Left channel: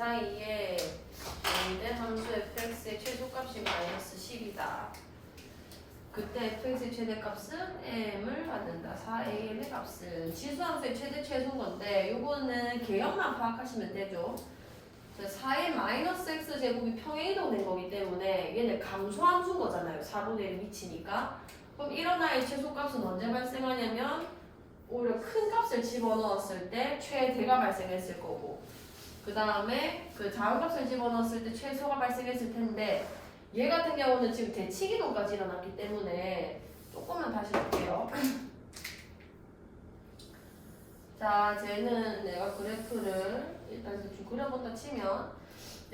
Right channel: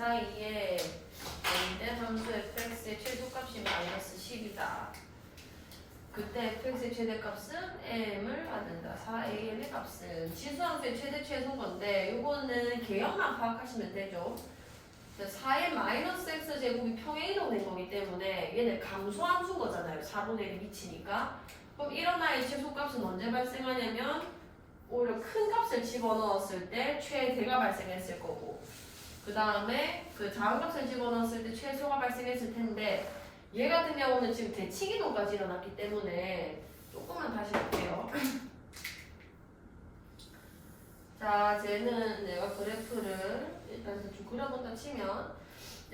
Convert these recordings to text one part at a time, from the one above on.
사이에 A된 함수 fx의 최소값이 마이너스 10이다. 그때 fx의 최대값은 m을 받는다. 4am의 값은 지수함수의 최대 최소인 건데 요거는 개형만 파악하시면 되죠. 4의 마이너스 x제곱이 평행이동된 거기 때문에 얘는 감소함수인 거잖아요. 4분의 1이 미치니까. 그럼 이런 아이의 최소값은 언제 발생하냐면 오히려 큰 값을 집어넣었을 때 최대가 발생했을 거고, 그 다음에 그 작은 값을 집어넣었을 때 최소가 발생했을 텐데, 얘 같은 경우는 지금 대칭이동까지 일어났기 때문에 조금만 다시 볼게요. 자, 쟤는 내가 그래프를 일단 대충 그려본다 치면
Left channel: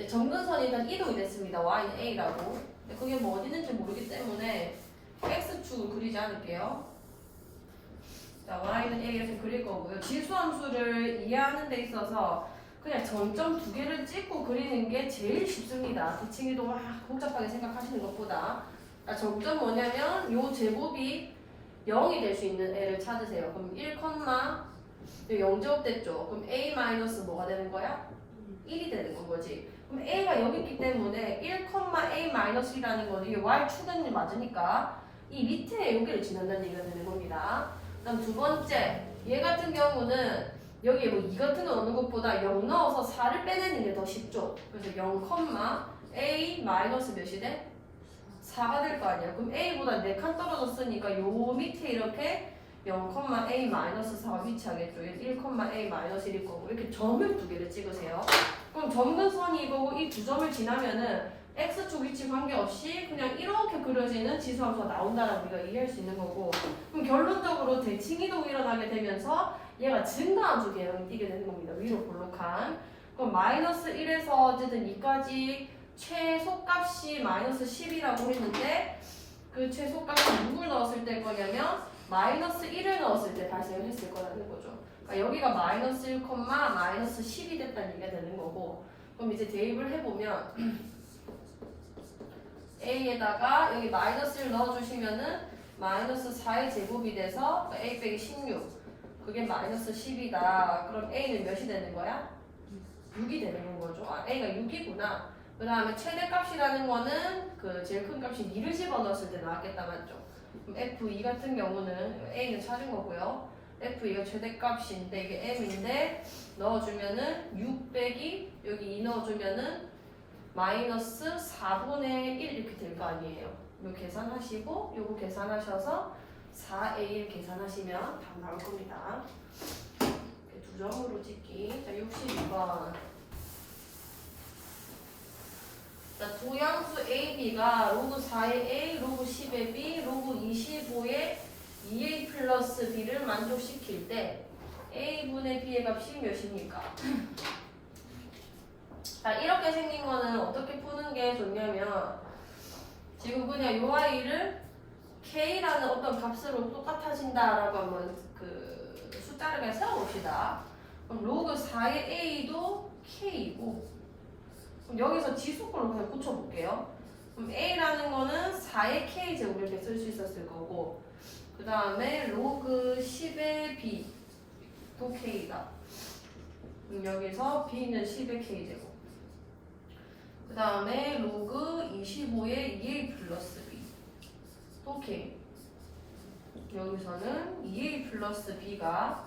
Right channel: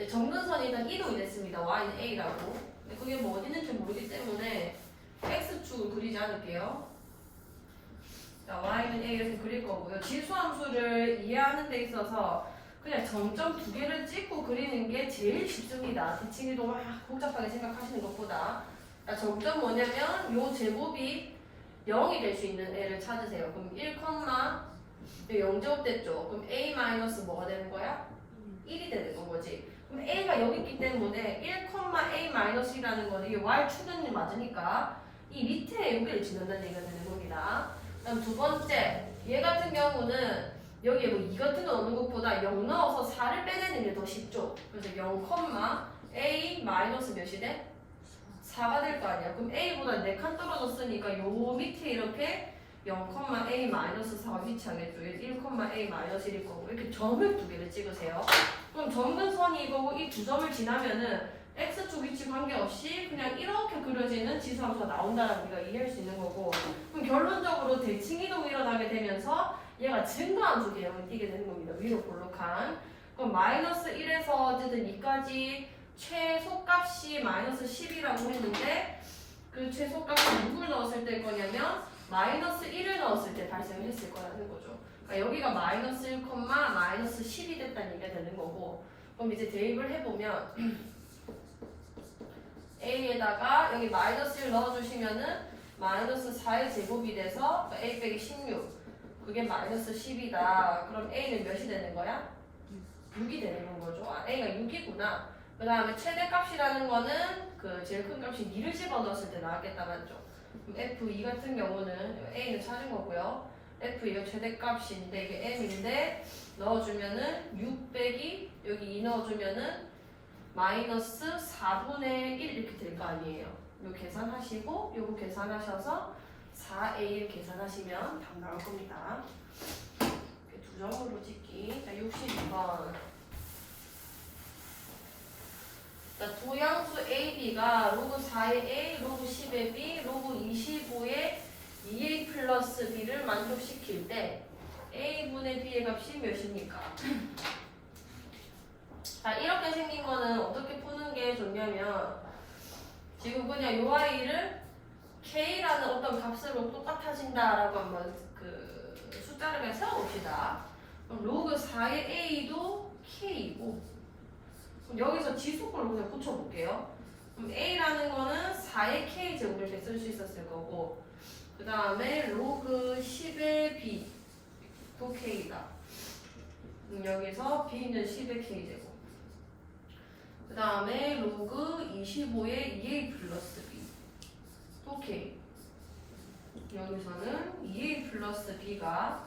점근선이 일단 이동이 됐습니다. y는 a라고. 근데 그게 뭐 어디 있는지 모르기 때문에 x축을 그리지 않을게요. 자, y는 a 이렇게 그릴 거고요. 지수함수를 이해하는 데 있어서 그냥 점점 두 개를 찍고 그리는 게 제일 쉽습니다. 대칭이동 막 복잡하게 생각하시는 것보다. 자, 점점 뭐냐면 요 제곱이 0이 될 수 있는 애를 찾으세요. 그럼 1, 0제곱 됐죠. 그럼 a 마이너스 뭐가 되는 거야? 1이 되는 건 거지. 그럼 a가 여기 있기 때문에 1, a 마이너스 1이라는 거는 이게 y축은 맞으니까 이 밑에 여기를 지난다는 얘기가 되는 겁니다. 그럼 두 번째, 얘 같은 경우는 여기에 뭐 2 같은 거 넣는 것보다 0 넣어서 4를 빼내는 게 더 쉽죠. 그래서 0, a 마이너스 몇이 돼? 4가 될 거 아니야. 그럼 a보다 4칸 떨어졌으니까 요 밑에 이렇게 0, a 마이너스 4가 위치하겠죠. 1, a 마이너스 1일 거고. 이렇게 점을 두 개를 찍으세요. 그럼 점근선이 이거고 이 두 점을 지나면은 x축 위치 관계없이 그냥 이렇게 그려지는 지수함수가 나온다는 우리가 이해할 수 있는 거고, 그럼 결론적으로 대칭이동이 일어나게 되면서 얘가 증가함수 개념을 띠게 되는 겁니다. 위로 볼록한. 그럼 마이너스 1에서 어쨌든 2까지 최소값이 마이너스 10이라고 했는데 그 최소값을 누굴 넣었을 때 거냐면 마이너스 1을 넣었을 때 발생을 했을 거라는 거죠. 그러니까 여기가 마이너스 1, 마이너스 10이 됐다는 얘기가 되는 거고, 그럼 이제 대입을 해보면 a에다가 여기 마이너스 1 넣어주시면은 마이너스 4의 제곱이 돼서 a 빼기 16, 그게 마이너스 10이다. 그럼 a는 몇이 되는 거야? 6이 되는 거죠. 아, a가 6이구나. 그 다음에 최대값이라는 거는 그 제일 큰 값이 2를 집어넣었을 때 나왔겠다, 맞죠? 그럼 f2 같은 경우는 a는 찾은 거고요. f2가 최대값인데 이게 m인데 넣어주면은 6 빼기 여기 2 넣어주면은 마이너스 4분의 1 이렇게 될 거 아니에요. 요 계산하시고 요거 계산하셔서 4a 계산하시면 답 나올 겁니다. 두 점으로 찍기. 자, 62번. 자, 두양수 AB가 로그 4의 A, 로그 10의 B, 로그 25의 2A 플러스 B를 만족시킬 때 A분의 B의 값이 몇입니까? 자, 이렇게 생긴 거는 어떻게 푸는 게 좋냐면 지금 그냥 요 아이를 K라는 어떤 값으로 똑같아진다라고 한번 그 숫자를 그냥 세워봅시다. 그럼 로그 4의 A도 K이고, 그럼 여기서 지수꼴을 그냥 붙여볼게요. 그럼 A라는 거는 4의 K제곱 이렇게 쓸 수 있었을 거고, 그 다음에 로그 10의 B도 K다. 여기서 B는 10의 K제곱. 그 다음에 로그 25의 2A 플러스 B 또 K. 여기서는 2A 플러스 B가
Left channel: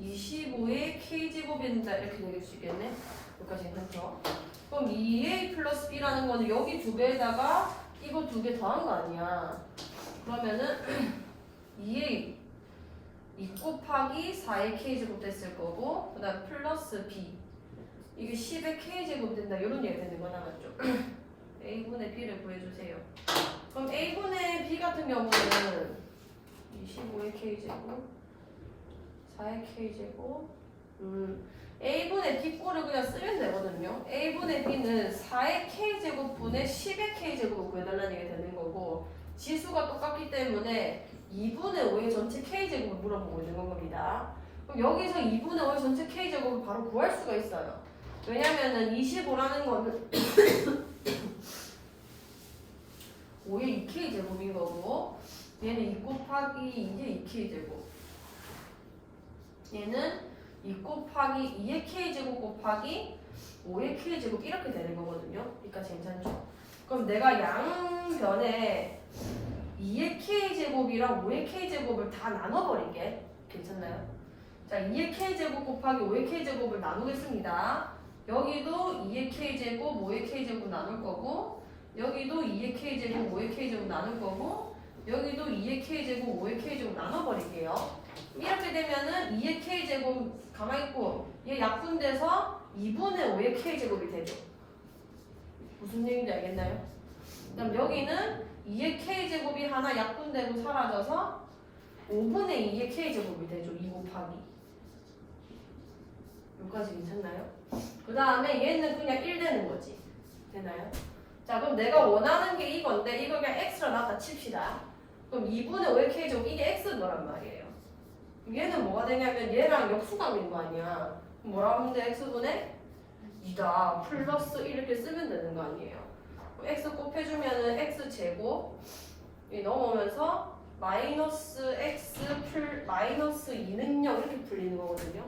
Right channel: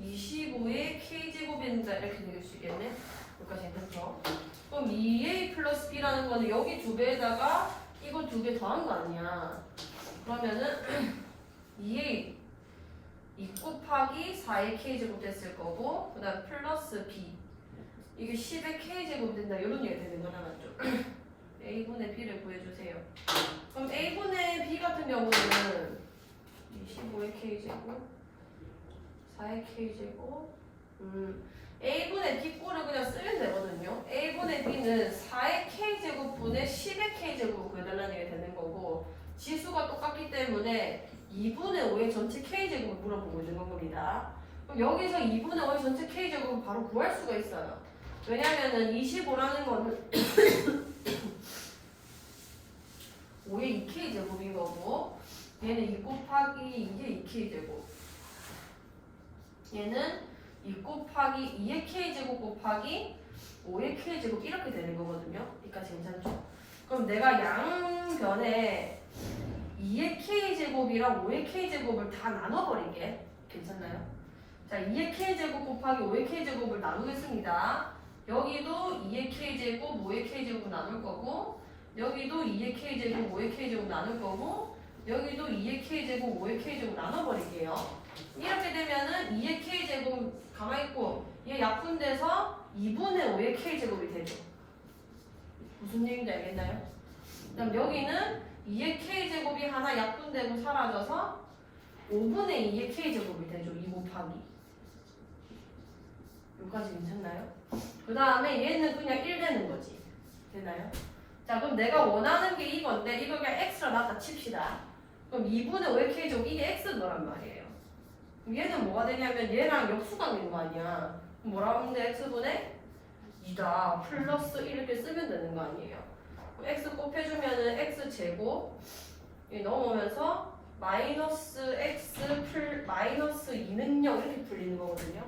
25의 K제곱인다 이렇게 되길 수 있겠네. 여기까지 괜찮죠? 그럼 2A 플러스 B라는 거는 여기 두 개에다가 이거 두 개 더한 거 아니야. 그러면은 2A 2 곱하기 4의 K제곱 됐을 거고, 그 다음 플러스 B 이게 10의 K제곱 된다 이런 얘기 되는 거나 맞죠? A분의 B를 구해주세요. 그럼 A분의 B 같은 경우는 25의 K제곱 4의 K제곱 A분의 B꼴을 그냥 쓰면 되거든요. A분의 B는 4의 K제곱분의 10의 K제곱을 구해달라는 게 되는 거고, 지수가 똑같기 때문에 2분의 5의 전체 K제곱을 물어보고 있는 겁니다. 그럼 여기서 2분의 5의 전체 K제곱을 바로 구할 수가 있어요. 왜냐면은 25라는 거는 5의 2K제곱인 거고, 얘는 2 곱하기 2의 2K제곱, 얘는 2 곱하기 2의 k제곱 곱하기 5의 k제곱 이렇게 되는 거거든요. 그러니까 괜찮죠? 그럼 내가 양변에 2의 k제곱이랑 5의 k제곱을 다 나눠버릴게. 괜찮나요? 자, 2의 k제곱 곱하기 5의 k제곱을 나누겠습니다. 여기도 2의 k제곱, 5의 k제곱 나눌 거고, 여기도 2의 k제곱, 5의 k제곱 나눌 거고, 여기도 2의 k제곱, 5의 k제곱 나눠버릴게요. 이렇게 되면은 2의 k제곱 가만히 있고 얘 약분돼서 2분의 5의 k제곱이 되죠. 무슨 얘기인지 알겠나요? 그럼 여기는 2의 k제곱이 하나 약분되고 사라져서 5분의 2의 k제곱이 되죠. 2 곱하기. 여기까지 괜찮나요? 그 다음에 얘는 그냥 1 되는 거지. 되나요? 자, 그럼 내가 원하는 게 이건데 이거 그냥 x로 놨다 칩시다. 그럼 2분의 5의 k제곱 이게 x거란 말이에요. 얘는 뭐가 되냐면 얘랑 역수관계인 거 아니야. 뭐라고 하면 돼? x분의 2다 플러스 1 이렇게 쓰면 되는 거 아니에요. x 곱해주면은 x제곱 넘어오면서 마이너스 x 마이너스 2는 0 이렇게 풀리는 거거든요.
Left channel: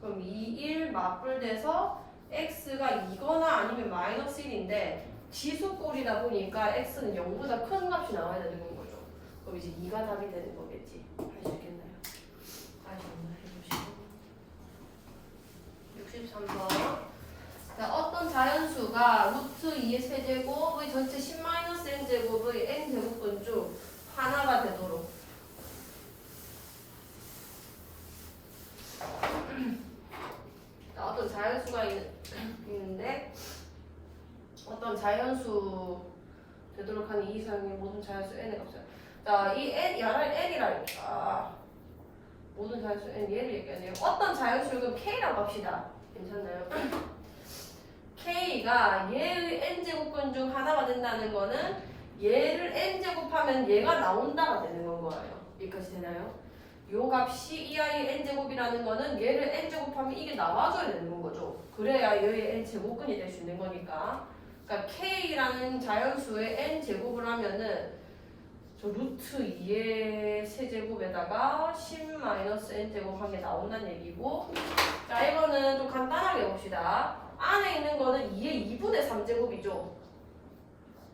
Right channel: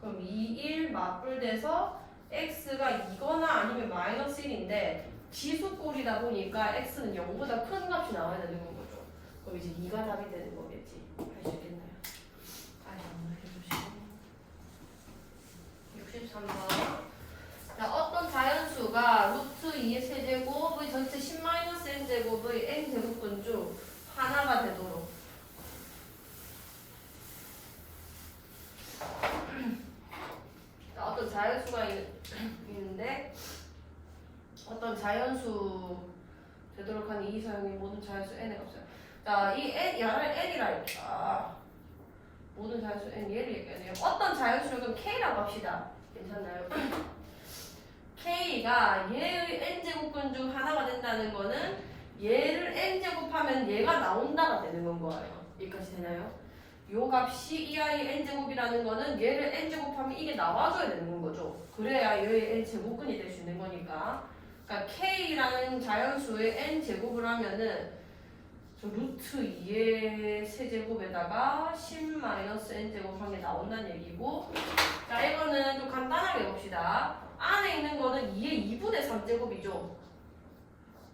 그럼 2, 1 맞불돼서 x가 2거나 아니면 마이너스 1인데 지수꼴이다 보니까 x는 0보다 큰 값이 나와야 되는 거죠. 그럼 이제 2가 답이 되는 거겠지. 할 수 있겠나요? 한번 해주시고 63번. 자, 어떤 자연수가 루트 2의 세제곱의 전체 10-n제곱의 n제곱분 중 하나가 되도록 자, 어떤 자연수가 있는데 어떤 자연수 되도록 하는 이 이상의 모든 자연수 n의 값이야. 자, 이 n, 야를 n이랄까 모든 자연수 n 얘를 얘기해야 돼요. 어떤 자연수를 그럼 k라고 합시다. 괜찮나요? k가 얘의 n제곱분 중 하나가 된다는 거는 얘를 n제곱하면 얘가 나온다가 되는 건 거예요. 여기까지 되나요? 요 값이 이 아이의 n제곱이라는 거는 얘를 n제곱하면 이게 나와줘야 되는 거죠. 그래야 얘의 n제곱근이 될 수 있는 거니까. 그러니까 k라는 자연수의 n제곱을 하면은 저 루트 2의 세제곱에다가 10-n제곱 한 게 나온다는 얘기고, 자, 이거는 좀 간단하게 봅시다. 안에 있는 거는 2의 2분의 3제곱이죠.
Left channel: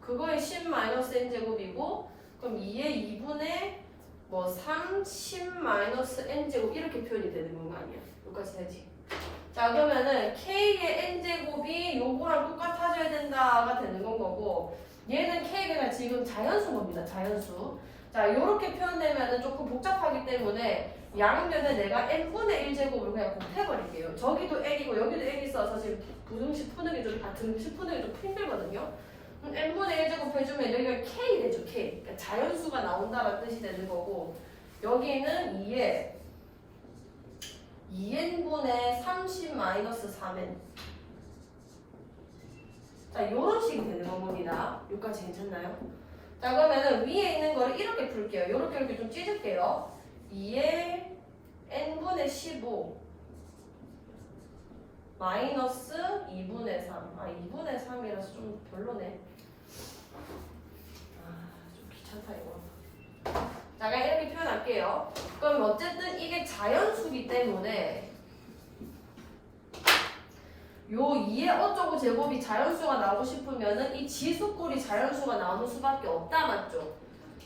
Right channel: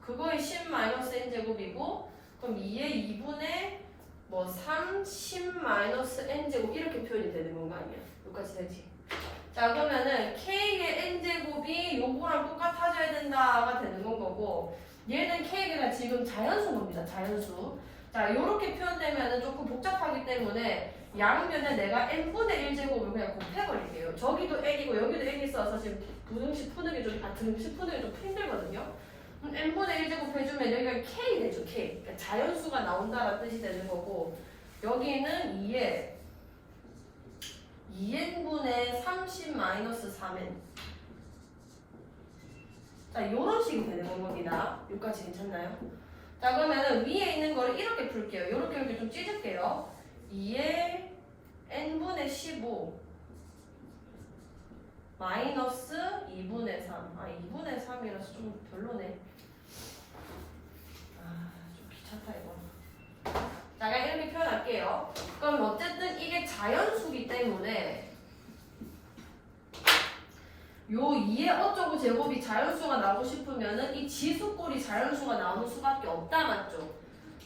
그거의 10-n제곱이고, 그럼 2의 2분의 3, 10-n제곱 이렇게 표현이 되는 건 거 아니야? 여기까지 되지? 자, 그러면은 k의 n제곱이 요거랑 똑같아져야 된다가 되는 건 거고, 얘는 k가 지금 자연수인 겁니다. 자연수. 자, 요렇게 표현되면은 조금 복잡하기 때문에 양변에 내가 n분의 1제곱을 그냥 곱해버릴게요. 저기도 n이고 여기도 n이 있어서 지금 부등식 푸는 게 좀, 등식 푸는 게 좀 힘들거든요. n분의 1제곱 해주면 여기가 k 되죠. k. 그러니까 자연수가 나온다라는 뜻이 되는 거고, 여기는 2에 2n분의 30-3n. 자, 요런 식이 되는 겁니다. 여기까지 괜찮나요? 자, 그러면은 위에 있는 거를 이렇게 풀게요. 이렇게 좀 찢을게요. 2에 n분의 15 마이너스 2분의 3. 2분의 3이라서 좀 별로네. 좀 귀찮다 이거. 자, 그냥 이렇게 표현할게요. 그럼 어쨌든 이게 자연수기 때문에 요 2의 어쩌고 제곱이 자연수가 나오고 싶으면은 이 지수꼴이 자연수가 나오는 수밖에 없다, 맞죠?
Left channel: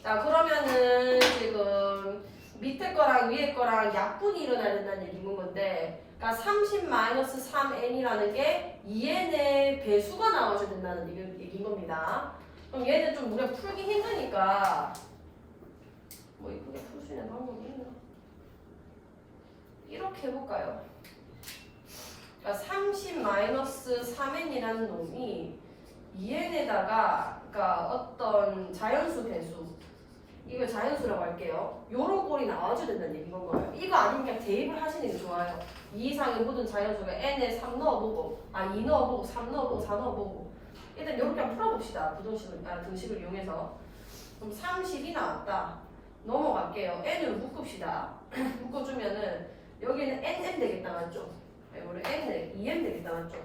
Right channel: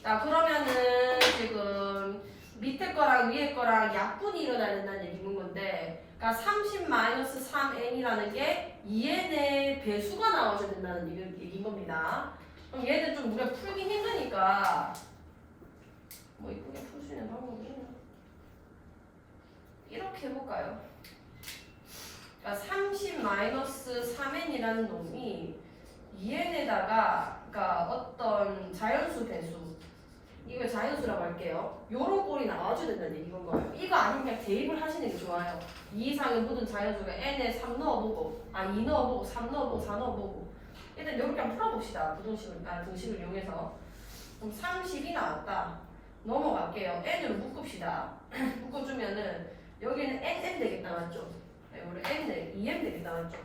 자, 그러면은 지금 밑에 거랑 위에 거랑 약분이 일어나야 된다는 얘기인 건데, 그러니까 30-3n이라는 게 2n의 배수가 나와줘야 된다는 얘기인 겁니다. 그럼 얘는 좀 우리가 풀기 힘드니까 뭐 이쁘게 풀 수 있는 방법이 있나? 이렇게 해볼까요? 그러니까 30-3n이라는 놈이 2n에다가 그러니까 어떤 자연수 배수, 이걸 자연수라고 할게요. 요런 꼴이 나와줘야 된다는 얘기인 거예요. 이거 아니면 그냥 대입을 하시는 게 좋아요. 2 이상의 모든 자연수가 n에 3 넣어보고 2 넣어보고 3 넣어보고 4 넣어보고 일단 이렇게 한번 풀어봅시다. 등식을 이용해서. 그럼 30이 나왔다. 넘어갈게요. n으로 묶읍시다. 묶어주면은 여기는 n 되겠다, 맞죠? 우리 n을 2n 되겠다, 맞죠?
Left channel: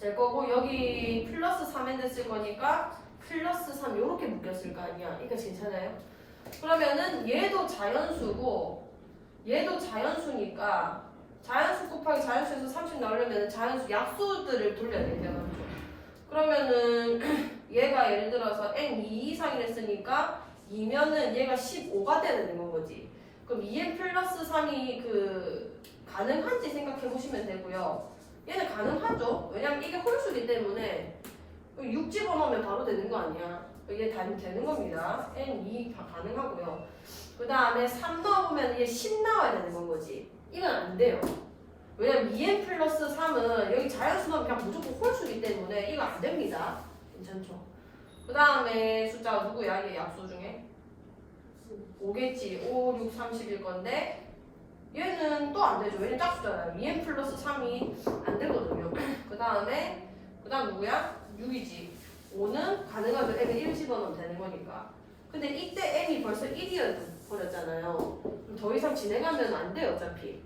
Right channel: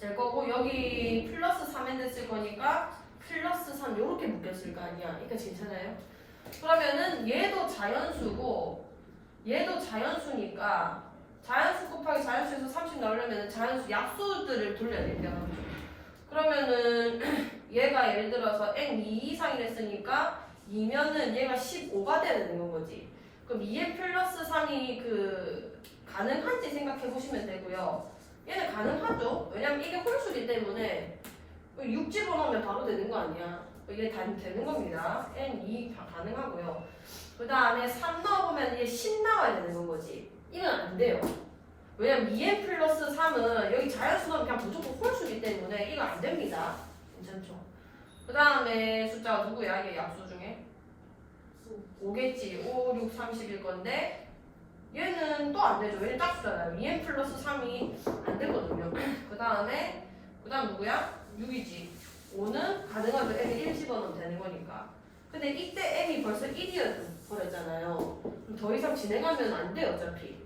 될 거고 여기 플러스 3n 됐을 거니까 플러스 3 요렇게 묶였을 거 아니야. 그러니까 괜찮아요? 그러면은 얘도 자연수고 얘도 자연수니까 자연수 곱하기 자연수에서 30 나오려면 자연수 약수들을 돌려야 돼요. 그러면은 얘가 예를 들어서 n 2 이상이 됐으니까 2면은 얘가 15가 되는 건 거지. 그럼 2n 플러스 3이 가능한지 생각해 보시면 되고요. 얘는 가능하죠. 왜냐면 이게 홀수기 때문에 6 집어넣으면 바로 되는 거 아니야. 이게 다 되는 겁니다. n2 다 가능하고요. 그 다음에 3 넣어보면 이게 10 나와야 되는 건 거지. 이건 안 돼요. 왜냐면 2n 플러스 3은 여기 자연수 넣으면 그냥 무조건 홀수기 때문에 이거 안 됩니다. 괜찮죠? 그 다음에 숫자가 누구야? 이게 약수 중에? 5겠지. 5, 6, 30일 건데 얘는 또 안 되죠. 왜냐면 짝수잖아요. 2n 플러스 3이 안 되거든요. 그 다음 누구야? 6이지. 5는 가능하면 m에 1 집어넣으면 되는 거니까. 근데 이때 m이 벌써 1이어 버렸잖아요. 그럼 더 이상 진행하면 안 돼요, 어차피.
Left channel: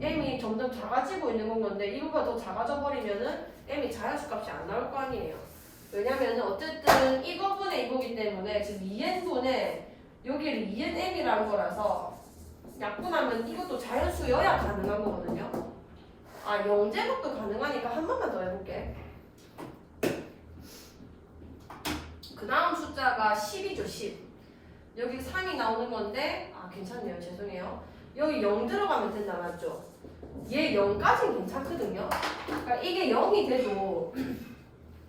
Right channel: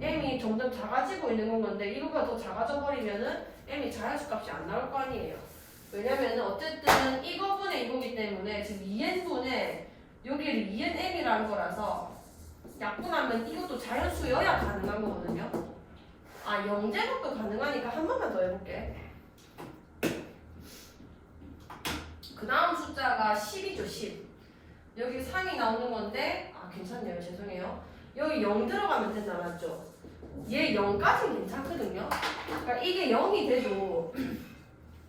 m이 점점 작아지고 있는 건 건데 이거보다 더 작아져 버리면은 m이 자연수 값이 안 나올 거 아니에요. 왜냐면은 어쨌든 이거분의 이거기 때문에 지금 2n분의 여기를 2nm이라는 거라서 약분하면 이것도 자연수여야 가능한 거거든요. 아, 0제곱도 가능하니까 한 번만 더 해볼게. 그 다음 숫자가 10이죠, 10. 여기 3이 나오는 건데, 아, 괜찮네요. 죄송해요. 여기 0 들어가면 된다, 맞죠? 얘 0까지는 괜찮거든요. 그러니까 이게 0이 돼도,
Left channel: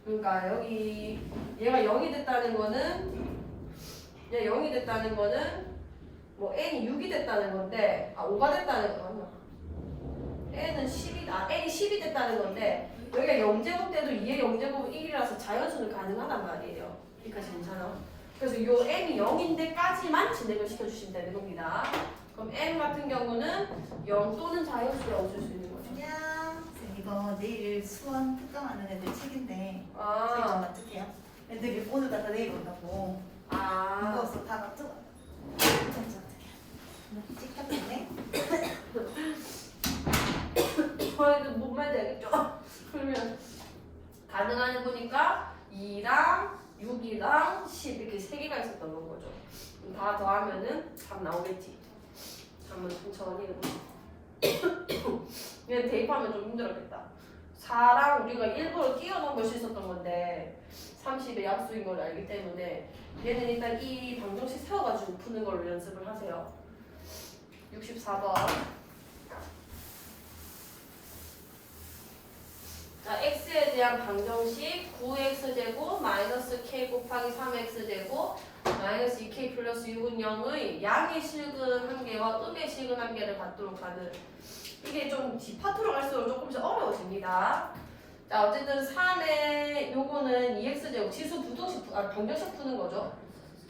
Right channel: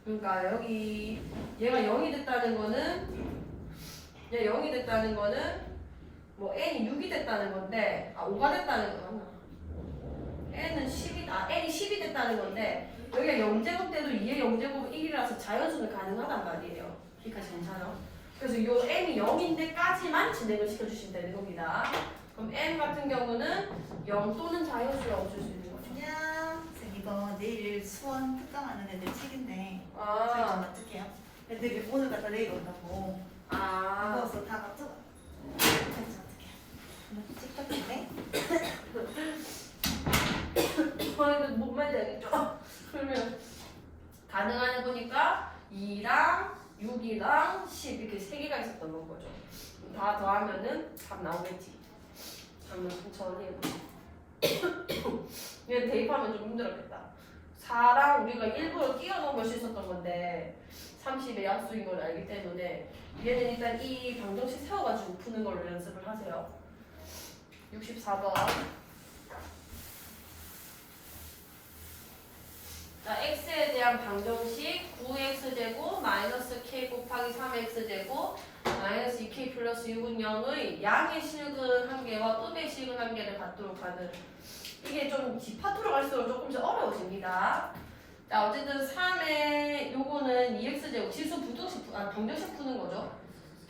그러니까 여기 얘가 0이 됐다는 거는, 얘 0이 됐다는 거는, 뭐 n이 6이 됐다는 건데, 아, 5가 됐다는 거 맞나? n은 10이, n이 10이 됐다는 건데, 여기가 0제곱 때도 2의 0제곱은 1이라서 자연수는 가능하단 말이에요. 여기까지 괜찮아? 그래서 요 n이 0인데까지만 진행을 시켜주시면 되는 겁니다. 그럼 n 같은 경우는 0 또는 자연수라고 쓸 수 있는 거죠. 안녕. 쌤, 이거 내일 수원 특강하는 애들 책인데 아. 저희 좀 맞출게요. 애들이 오늘 갔다 내일 온다고. 무거워서 다 맞춰. 저희 좀 어떡해요. 찍혔는데? 저희도 뭔 말인지 알겠죠? 그러면 가능한 해 보니까 2랑 6이랑 10 이렇게 3개가 있었던 건 거죠. 그럼 다 더하면은 답 나오겠지. 한번 천천히 해보자. 얘는 대입하면 좀 힘들었겠다. 4랑 우리가 일부러 띄워놓은 걸 수 있었던 건데 30의 약수인 걸 알기 때문에 얘는 일단 이 방정식 세워가지고 푸는 걸로 연습을 하세요. 64번. 자, x에 대한 방정식 9x제곱 마이너스 k 곱하기 3x제곱 마이너스 2k 플러스 6은 0의 양의 실근 한 개와 음의 실근 한 개를 갖도록 하는, 이게 좀 뒷파트로 갈수록 조금씩 어려워집니다. 자, 어쨌든 3의 요거는 2x제곱 지수 부등식 방정식 푸는 거죠.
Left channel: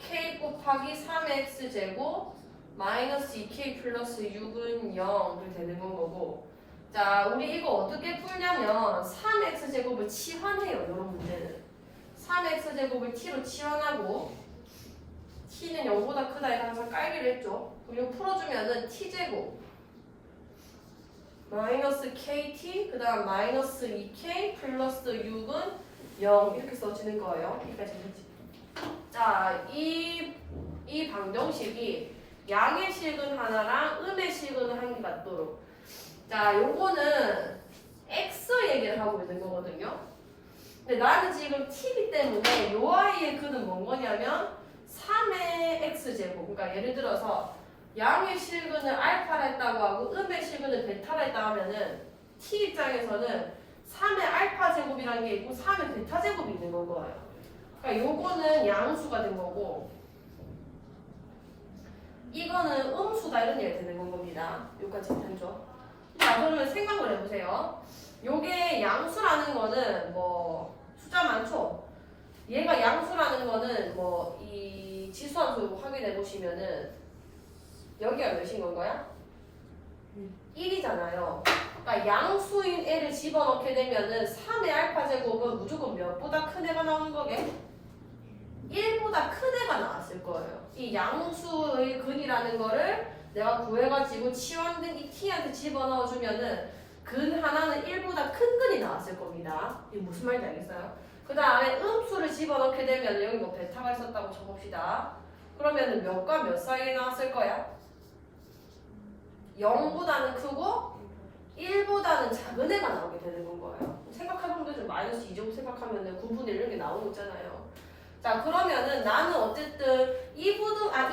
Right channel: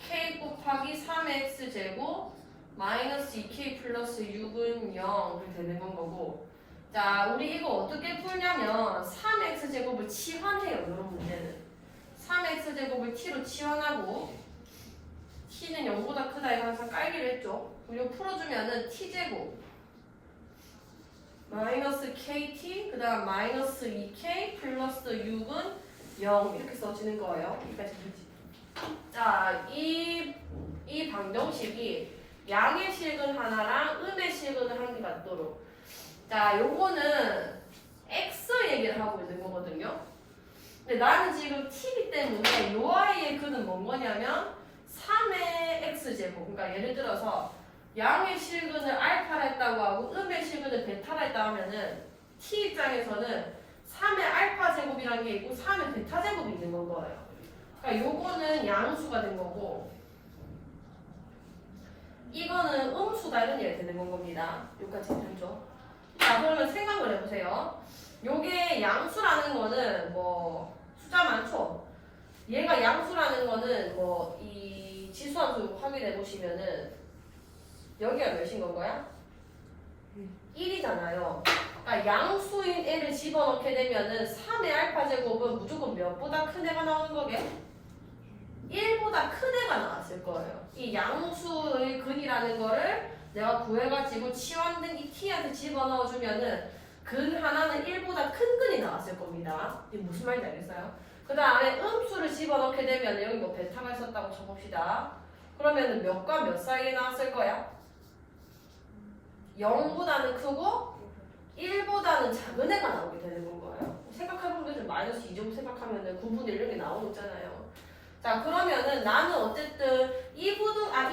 k 곱하기 3x제곱 마이너스 2k 플러스 6은 0이 되는 건 거고, 자, 우리 이거 어떻게 풀냐면 3x제곱을 치환해요. 이런 문제는 3x제곱을 t로 치환하고 t는 0보다 크다 해서 항상 깔기로 했죠. 그럼 이거 풀어주면은 t제곱 마이너스 kt 그 다음 마이너스 2k 플러스 6은 0 이렇게 써지는 거예요. 여기까지 되지. 자, 이 방정식이 양의 실근 하나랑 음의 실근을 한 개 같도록, 자, 요거는 x 얘기를 하고 있는 거거든요. 근데 나는 지금 t이기 때문에 요 아이의 근은 뭔 거냐면 3의 x제곱. 그러니까 예를 들어서 양의 실근을 알파라 했다고 하고 음의 실근을 베타라 했다 하면은 t 입장에서는 3의 알파 제곱이라는 게 있고 3의 베타 제곱이 있는 건 거예요. 그러니까 요거는 양수가 된 거고 이거는 음수다 이런 얘기가 되는 건 겁니다. 여기까지 괜찮죠? 자, 그러면 생각을 해보세요. 요게 양수라는 거는 뭐 숫자 많죠? 얘가 양수라는 거는 뭐 이 지수함수 확인해 보시면은 여기가 몇인 건 거야? 1이잖아요. 그러니까 양수인 애를 집어넣게 되면은 3의 알파 제곱은 무조건 몇보다 큰 애가 나오는 거게? 1보다 큰 애가 나왔을 거예요. 이 양수의 근이라는 거를 내가 구해가지고 치환된 이 t한테 집어넣어주면은 근 하나는 1보다 큰 근이 나왔을 겁니다. 이게 무슨 말인지 알겠어요? 그 다음에 음수를 집어넣게 되면 여기 뭐 베타가 있었다고 쳐봅시다. 그러면은 몇과 몇 사이에 나왔을 거야? 0보다는 크고 1보다는 작은 애가 나오게 되는 거예요. 생각해보면 마이너스 2제곱 생각하면 9분의 1 이런 게 나오고 있잖아요. 자, 그러면은 나는 어쨌든 이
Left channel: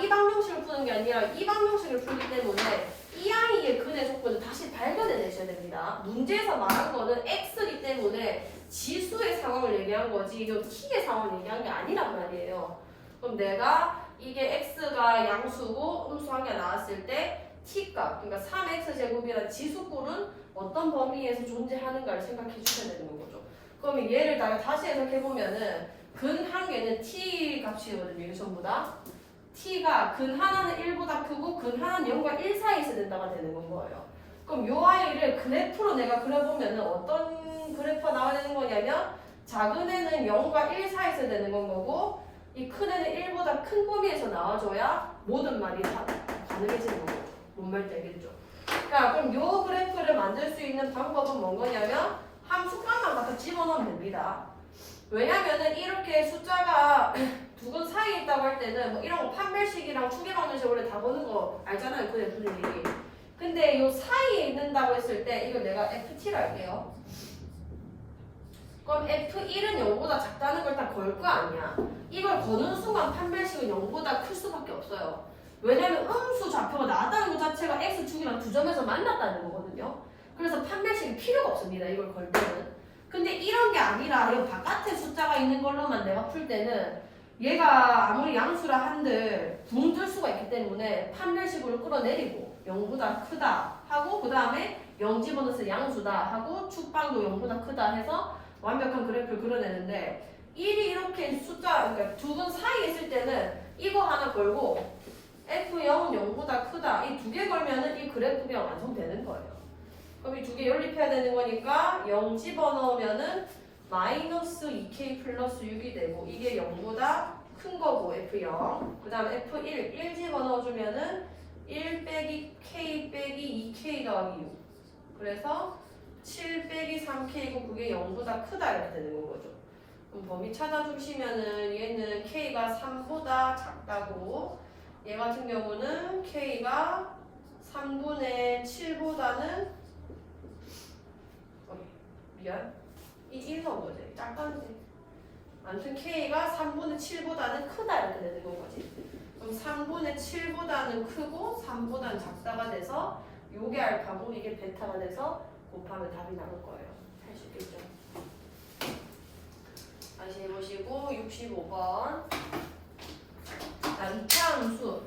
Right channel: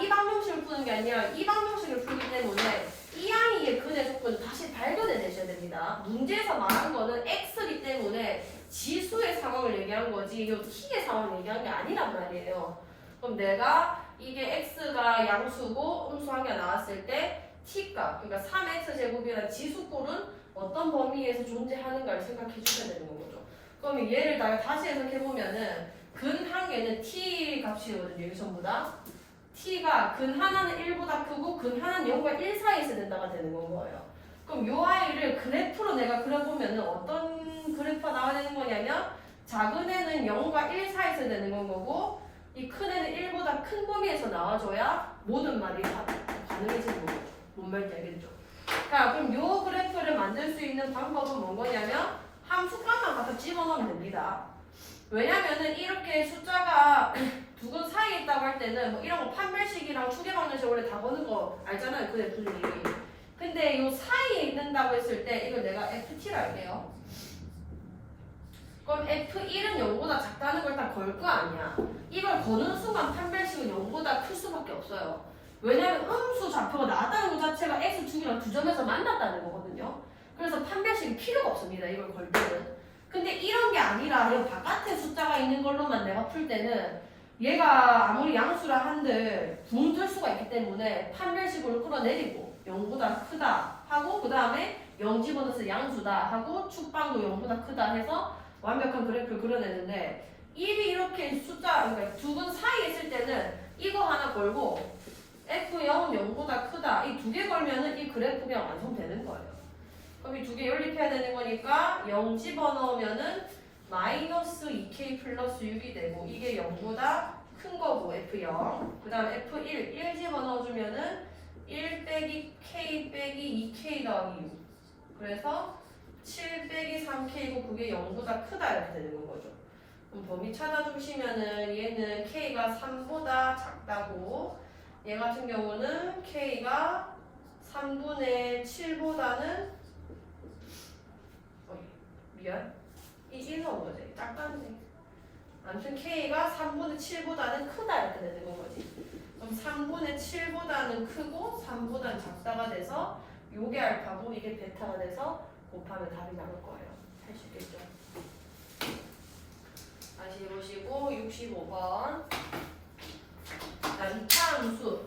방정식을 푸는 게 아니라 이 방정식을 풀기 때문에 이항이의 근의 조건을 다시 발견해내셔야 됩니다. 문제에서 말한 거는 x이기 때문에 지수의 상황을 얘기한 거지 이 t의 상황을 얘기한 게 아니란 말이에요. 그럼 내가 이게 x가 양수고 음수 한 개 나왔을 때 t값, 그러니까 3x제곱이라는 지수꼴은 어떤 범위에서 존재하는가를 생각해 주셔야 되는 거죠. 그럼 얘를 다시 해석해보면은 근 한 개는 t 값이거든요. 이게 전부 다. t가 근 하나는 1보다 크고 근 하나는 0과 1 사이에 있어야 된다가 되는 건 거예요. 그럼 요 아이를 그래프로 내가 그려보면은 어떤 그래프가 나와야 되는 거냐면 작은 애는 0과 1 사이에 있어야 되는 건 거고 이 큰 애는 1보다 큰 범위에서 나와줘야 모든 말이 다 가능해지는 거죠. 뭔 말인지 알겠죠? 그러니까 그럼 요 그래프를 만들 수 있는 방법은 뭔 거냐면 함수값만 갖다 집어넣으면 됩니다. 왜냐면은 이렇게 숫자가 두 근 사이에 있다고 할 때는 뭐 이런 거 판별식이랑 추계방정식 원래 다 보는 거 알잖아요. 그래프들이. 근데 요 사이에 있는다고 했을 때 이걸 내가 ft로 할게요. 그럼 f1은 0보다 작다는 걸 다 걸 거 아니야. 이걸 거는 순간 판별식은 0보다 클 수밖에 없어요. 왜냐면 음수 좌표가 나왔다는 것 자체가 x축이랑 두 점에서 만났다는 거거든요. 그래서 판별식이 필요가 없습니다. 이걸 걸 때는. 근데 이런 게 아니라 이 바깥에 숫자가 있는 걸로만 내가 풀 때는 얘가 아무리 양수라 한들 붕 뜰 수가 있기 때문에 판별식으로 끌어내리고 0보다 크다 하고 그 다음에 0 집어넣어서 양수다 하고 축방도 0보다 크다 해서 완벽한 그래프를 그려내는데 1이 이렇게 숫자 그러니까 두 근 사이에 있을 때는 이거 하나 걸고 F0은 0보다 크다 이 두 개 걸면은 이 그래프 그냥 완성되는 거예요. 그럼 이 두 개 연립해야 되는 거니까 0 집어넣으면은 마이너스 2k 플러스 6이 되고 이게 0보다 큰 거고 F0 그 다음 F1 1 집어넣어주면은 1 빼기 k 빼기 2k 더하기 6 그래서 7 빼기 3k고 그게 0보다 크다 이렇게 되는 거죠. 그럼 범위 찾아주시면은 얘는 k가 3보다 작다고 얘 같은 경우는 k가 3분의 7보다는 미안 이 1 넣은 거지 작다는데 아무튼 k가 3분의 7보다는 크다 이렇게 되는 건 거지. 그럼 3분의 7보다는 크고 3보다는 작다가 돼서 요게 알파고 이게 베타가 돼서 곱하면 답이 나올 거예요. 할 수 있겠죠? 다시 해보시고 65번 자 2차 함수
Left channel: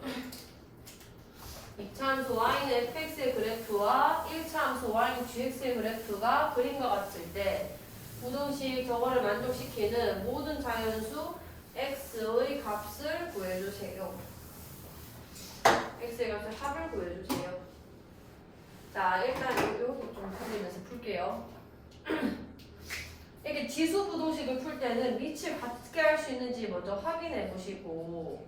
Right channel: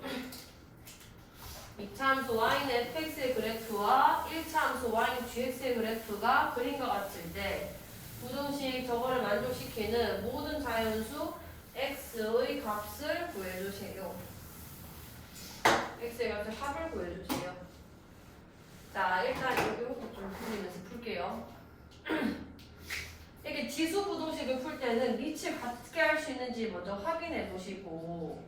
2차 함수 y는 fx의 그래프와 1차 함수 y는 gx의 그래프가 그림과 같을 때 부등식 저거를 만족시키는 모든 자연수 x의 값을 구해주세요. x의 값을 합을 구해주세요. 자 일단 여기 좀 그리면서 풀게요. 이렇게 지수 부등식을 풀 때는 밑을 같게 할 수 있는지 먼저 확인해 보시고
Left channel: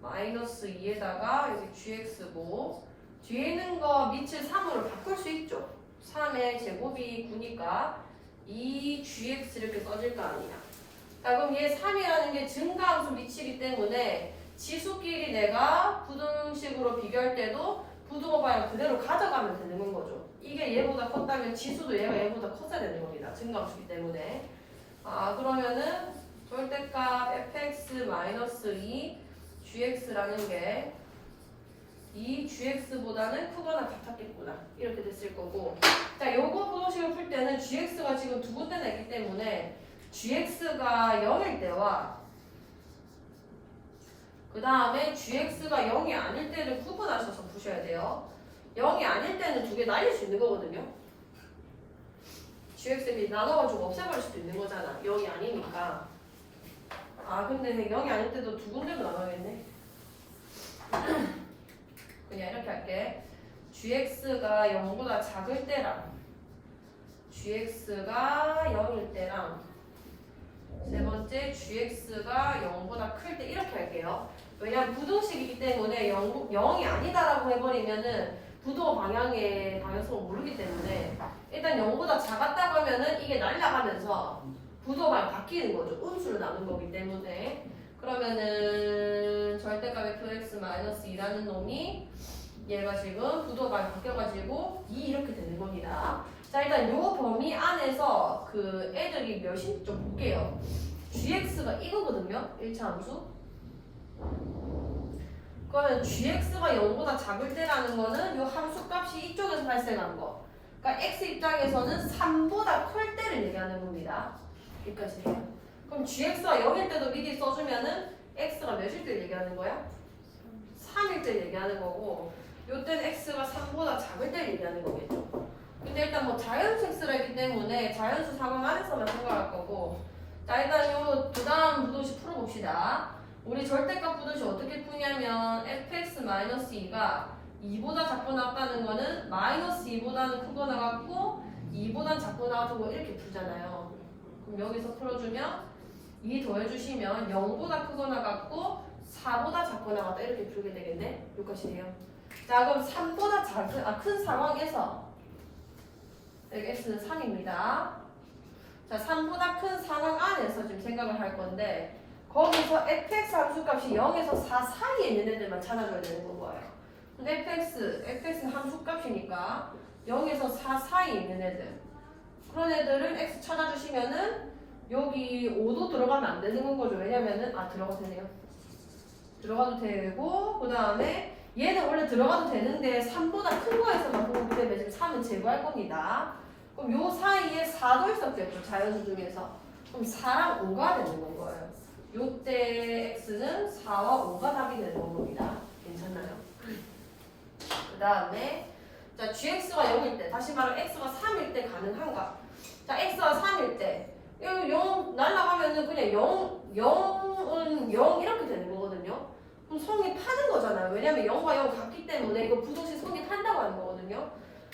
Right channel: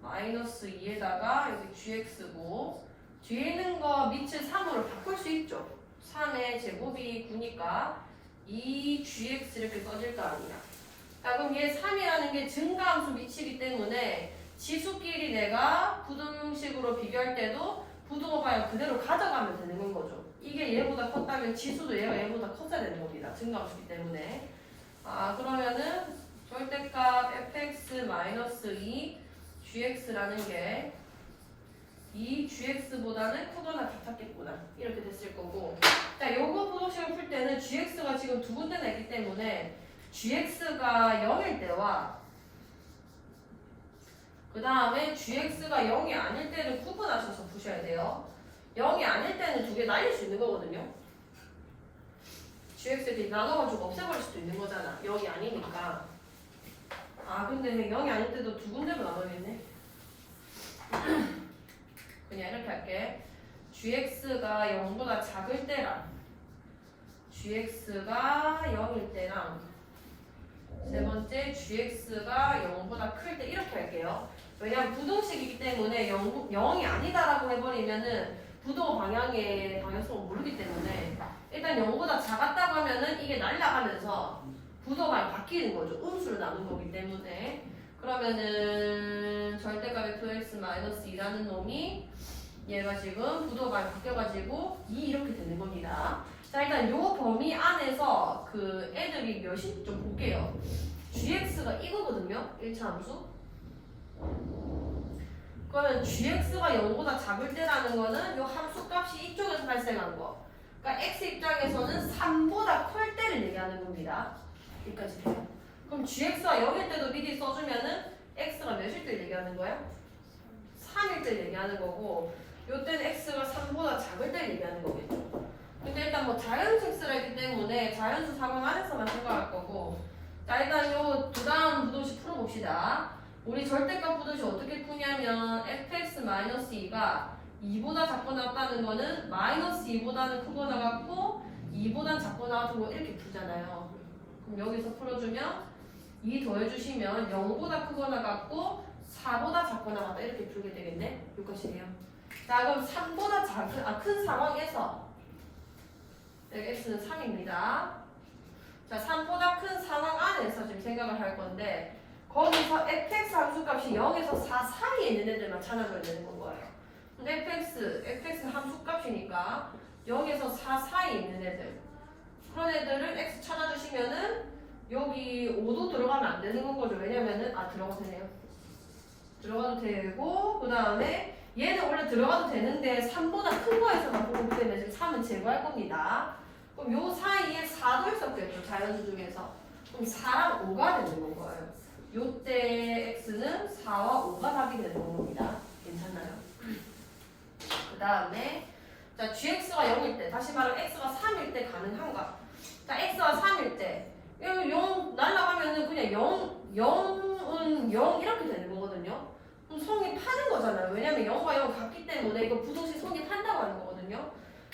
마이너스 2에다가 여기 gx고 뒤에 있는 거 밑을 3으로 바꿀 수 있죠. 3의 제곱이 9니까 2gx 이렇게 써질 거 아니야. 자 그럼 얘 3이라는 게 증가함수 밑이기 때문에 지수끼리 내가 부등식으로 비교할 때도 부등호방을 그대로 가져가면 되는 거죠. 이게 얘보다 컸다면 지수도 얘보다 컸어야 되는 겁니다. 증가함수기 때문에. 그러면은 절대값 fx-2 gx라는 게 2gx보다는 크거나 같았겠구나. 이렇게 됐을 거고. 자, 요거 부등식을 풀 때는 gx가 지금 두 군데나 있기 때문에 gx가 0일 때와 그 다음에 gx가 0이 아닐 때를 구분하셔서 푸셔야 돼요. 0이 아닐 때는 두 개 날릴 수 있는 거거든요. gx를 나눠가지고 없애버릴 수도 있는 거잖아. 0이 아니니까. 근데 0이 아닐 때도 두 군데로 나눠야겠네. 그냥 이렇게 할게. gx가 0보다 작을 때랑 gx가 0일 때랑 세 번째 gx가 0보다 클 때 이렇게 할게요. 왜냐면 부등식이기 때문에 0이 아니다라고 해버리면은 부도 방향의 방향성을 모르기 때문에 일단 0보다 작았다고 하면은 이게 날아가면서 부도 방향이 바뀌는 거죠. 음수를 나눈 거기 때문에 그러면은 절대값 fx-2라는 놈이 얘가 지금 구도가 바뀌어가지고 2 이렇게 되는 겁니다. 자, 일단 요 범위 안에서 그 애들이 몇이 좀 볼게요. gx가 이거거든요. 1차 함수. 그러면 gx가 0보다 작을 때라는 거는 요 함수 값이 이쪽에서 발생한 거. 그러니까 x 입장에서는 3보다 클 때를 얘기하는 겁니다. 여기까지 돼요. 그럼 gx가 0일 때도 미리 써주면은 x가 몇일 때 얘기하는 거야? 3일 때 얘기하는 거고, 요때는 x가 3보다 작을 때 얘기하는 거겠죠. 근데 일단 뭐 자연수 x라기 때문에 자연수 상황 안에서만 생각할 거고, 자, 일단 요 그 다음 부동식 풀어봅시다. 우리 절대값 부동식 어떻게 푸냐면 fx-2가 2보다 작거나 같다는 거는 마이너스 2보다는 크거나 같고 2보다는 작거나 같은 거 이렇게 풀잖아요. 그럼 여기서 풀어주면 2 더해주시면 0보다 크거나 같고 4보다 작거나 같다 이렇게 풀게 되겠네. 여기까지네요. 자, 그럼 3보다 큰 상황에서 여기 x는 3입니다. 자, 3보다 큰 상황 안에서 지금 생각을 할 건데 거기서 fx 함수값이 0에서 4 사이에 있는 애들만 찾아줘야 되는 거예요. 그럼 fx는 함수값이니까 0에서 4 사이에 있는 애들 그런 애들은 x 찾아주시면은 여기 5도 들어가면 안 되는 거죠. 왜냐면은 들어가도 되네요. 들어가도 되고 그 다음에 얘는 원래 들어가도 되는데 3보다 큰 거에서만 보기 때문에 지금 3은 제거할 겁니다. 그럼 요 사이에 4도 있었겠죠. 자연수 중에서. 그럼 4랑 5가 되는 거예요. 요때 x는 4와 5가 답이 되는 겁니다. 괜찮나요? 그 다음에 자 gx가 0일 때 다시 말하면 x가 3일 때 가능한가? 자 x가 3일 때 0 날라가면은 그냥 0은 0 이렇게 되는 거거든요. 그럼 성립하는 거잖아요. 왜냐면 0과 0 같기 때문에 이거 부동식 성립한다고 하는 거거든요.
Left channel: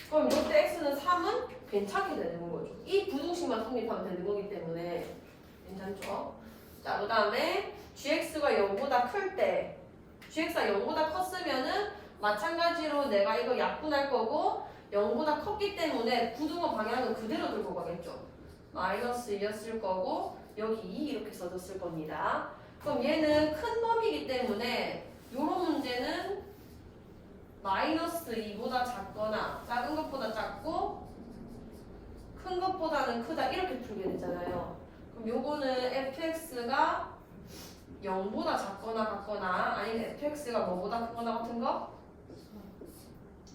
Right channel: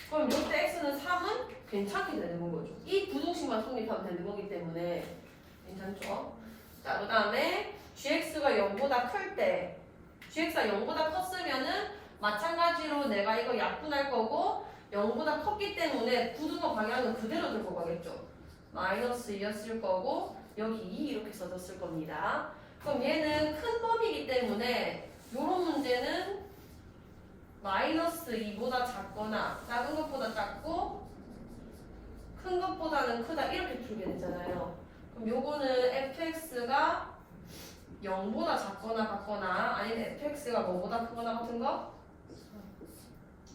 그럼 이때 x는 3은 괜찮게 되는 거죠. 이 부동식만 성립하면 되는 거기 때문에 괜찮죠? 자, 그 다음에 gx가 0보다 클 때 gx가 0보다 컸으면은 마찬가지로 내가 이거 약분할 거고 0보다 컸기 때문에 부등호 방향은 그대로 들고 가겠죠. 마이너스 2였을 거고 여기 2 이렇게 써줬을 겁니다. 그럼 얘는 큰 범위이기 때문에 요런 문제는 마이너스 2보다 작거나 작은 것보다 작고 큰 것보다는 크다 이렇게 풀게 되잖아요. 그럼 요거는 fx가 0보다 작거나 같거나 아니면 fx가 뭐보다 크거나 같은 거?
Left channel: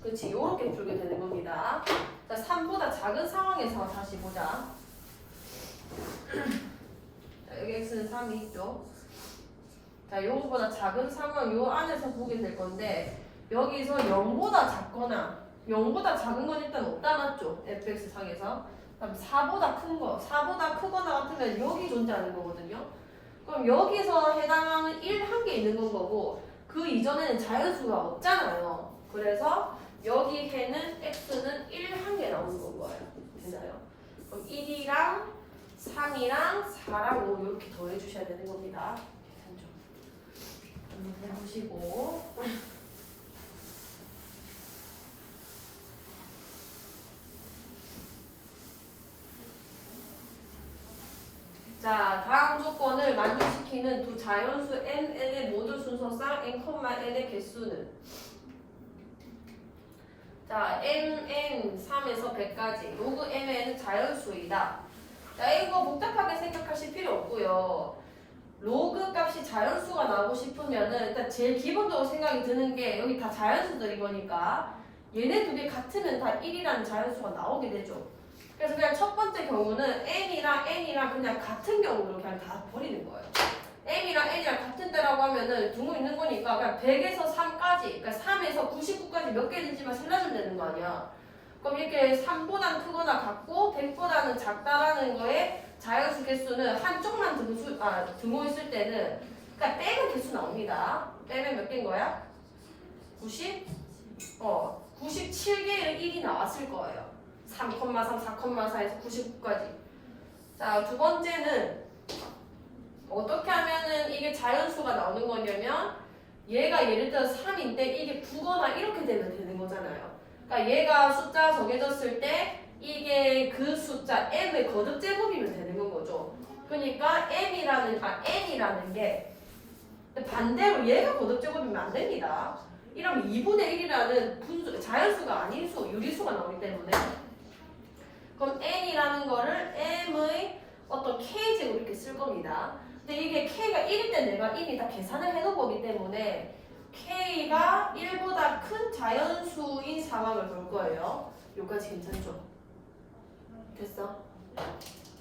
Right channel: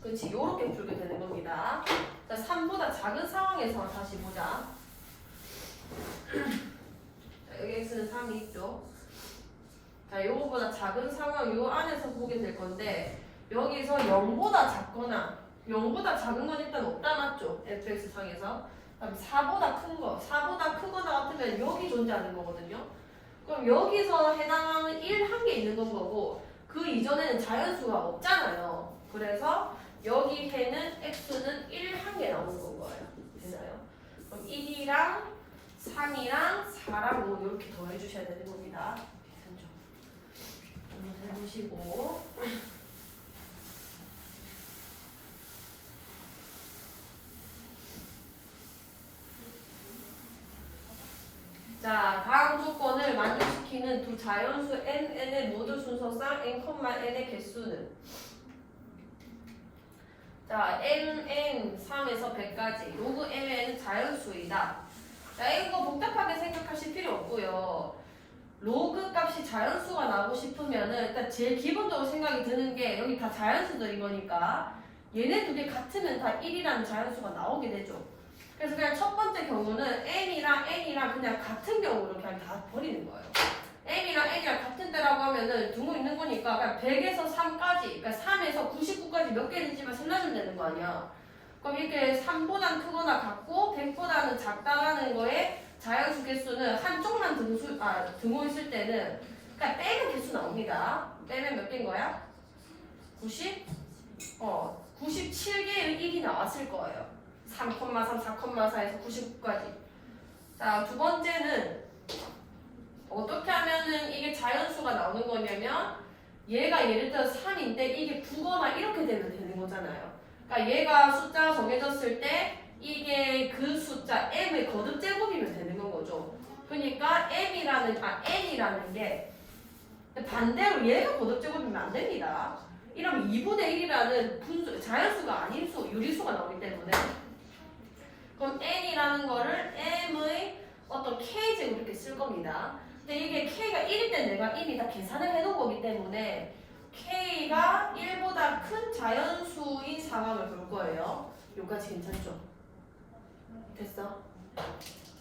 그렇지, 요렇게 풀게 되는 겁니다. 자, 3보다 작은 상황에서 다시 보자. 자, 여기 x는 3이 있죠. 자, 요거보다 작은 상황 요 안에서 보게 될 건데 여기서 0보다 작거나 0보다 작은 건 일단 없다 맞죠? fx 상에서. 그다음 4보다 큰 거, 4보다 크거나 같으면 여기 존재하는 거거든요. 그럼 여기서 해당하는 1 한 개 있는 건 거고 그 이전에는 자연수가 없잖아요. 그래서 여기 해는 x는 1 한 개 나오는 건 거예요. 되나요? 그럼 1이랑 3이랑 4랑 5 이렇게 더해 주셔야 되는 겁니다. 괜찮죠? 한번 해보시고 자, 다음 조건을 만족시키는 두 자연수 n의 모두 순서상 n,n의 개수는 자, n 3에서 100까지 로그 mn은 자연수이다. 자, 이거 복잡하게 생각하실 필요 없고요. 로그 값이 자연수가 나오고 싶으면은 일단 제일 기본적으로 생각이 드는 게 여기 다 자연수들인 거니까 얘네 두 개 같으면 다 1이라는 자연수가 나오게 되죠. 그래서 그냥 첫 번째 경우는 n이랑 그냥 같은 경우로 그냥 다 버리는 거예요. m이랑 n이랑 같은 데라고 하면은 등호 있는 거니까 그냥 100에서 3까지, 그러니까 3에서 99까지 몇 개인지만 설명하면 되는 거 아니야. 그럼 이렇게 3보다는 크거나 같고 100보다는 작다라는 거에 자연수 개수는 한쪽만 등호 있을 때는 그러니까 빼면 개수 나옵니다. 빼면 몇 개인 거야? 97개의 1이 나왔을 거예요. 3,3, 4,4에서 99까지. 자, 두 번째는 어떻게 하면은 이게 자연수가 나오는 거냐면 얘가 예를 들어 3인데 이게 9거나 이렇게 되면 되는 거잖아요. 그러니까 얘가 숫자 정해졌을 때 이게 그 숫자 m의 거듭 제곱이면 되는 건 거죠. 그러니까 n이라는 게 반대로 얘가 거듭 제곱이면 안 됩니다. 이러면 2분의 1이라는 분수, 자연수가 아닌 수, 유리수가 나오기 때문에 그럼 n이라는 거를 m의 어떤 k제곱 이렇게 쓸 겁니다. 근데 이게 k가 1일 때 내가 이미 다 계산을 해놓은 거기 때문에 k가 1보다 큰 자연수인 상황을 볼 거예요. 여기까지 괜찮죠? 됐어?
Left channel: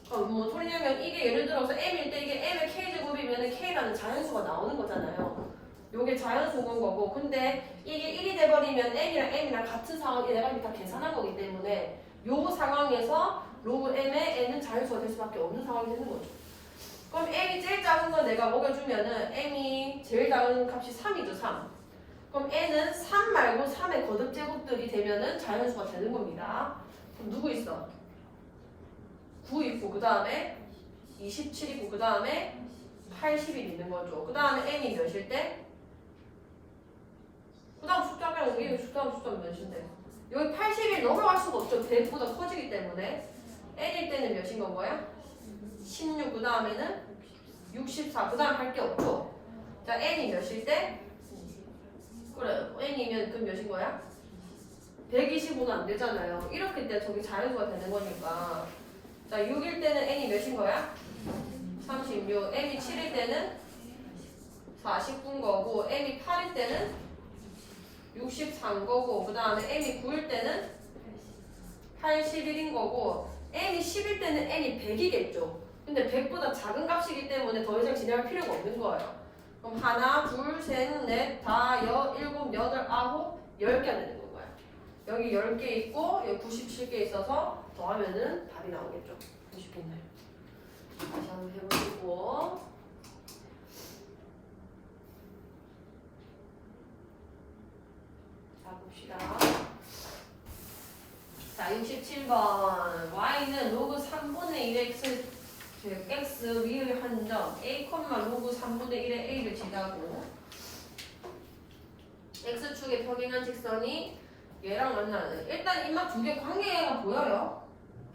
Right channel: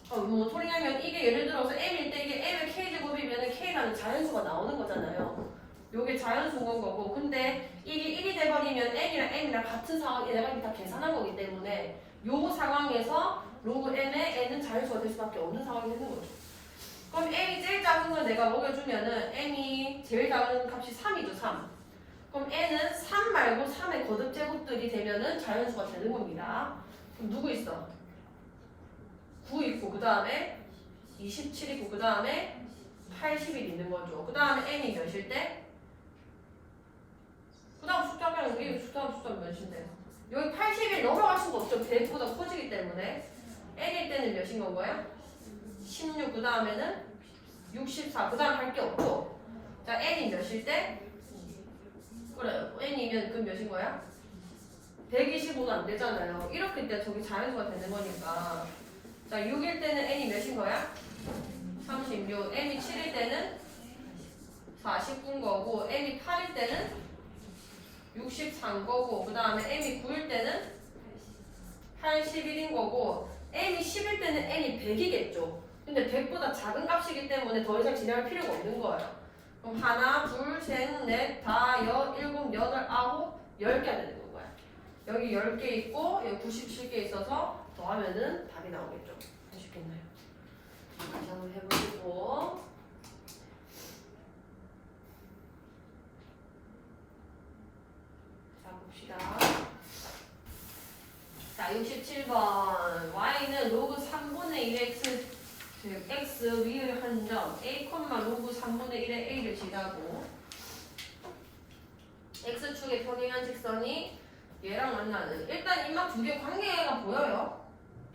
뭔 소리냐면 이게 예를 들어서 m일 때 이게 m의 k제곱이면 k라는 자연수가 나오는 거잖아요. 요게 자연수인 거고 근데 이게 1이 돼버리면 n이랑 m이랑 같은 상황이 내가 이미 다 계산한 거기 때문에 요 상황에서 로그 m의 n은 자연수가 될 수밖에 없는 상황이 되는 거죠. 그럼 m이 제일 작은 걸 내가 먹여주면은 m이 제일 작은 값이 3이죠. 3. 그럼 n은 3 말고 3의 거듭 제곱들이 되면은 자연수가 되는 겁니다. 그럼 누구 있어? 9 있고 그 다음에 27 있고 그 다음에 80이 있는 거죠. 그 다음에 m이 몇일 때? 그 다음 숫자가 여기 숫자가 몇인데? 여기 80이 넘어갈 수가 없죠. 100보다 커지기 때문에 n일 때는 몇인 건 거야? 16 그 다음에는 64 그 다음 할 게 없고 자 n이 몇일 때? 그래 n이면 그럼 몇인 거야? 125는 안 되잖아요. 이렇게 때 저기 자연수가 되는 거니까 자 6일 때는 n이 몇인 거야? 36 m이 7일 때는 49인 거고 m이 8일 때는 64인 거고 그 다음에 m이 9일 때는 81인 거고 m이 10일 때는 n이 100이겠죠. 근데 100보다 작은 값이기 때문에 더 이상 진행할 필요가 없는 거예요. 그럼 하나, 둘, 셋, 넷, 다, 일곱, 여덟, 아홉, 10개가 되는 거야. 여기 10개 있고 여기 97개 있어서 더하면은 답이 나오겠죠. 쉽겠나요? 다시 한번 해보시고 자 봅시다. 자 67번 y는 로그 3분의 1 x 즉 x 위의 한 점 a, 로그 3분의 1의 a를 지나고 x축에 평행한 직선이 얘랑 만나는 일단 이마 두 개 관계가 보여요.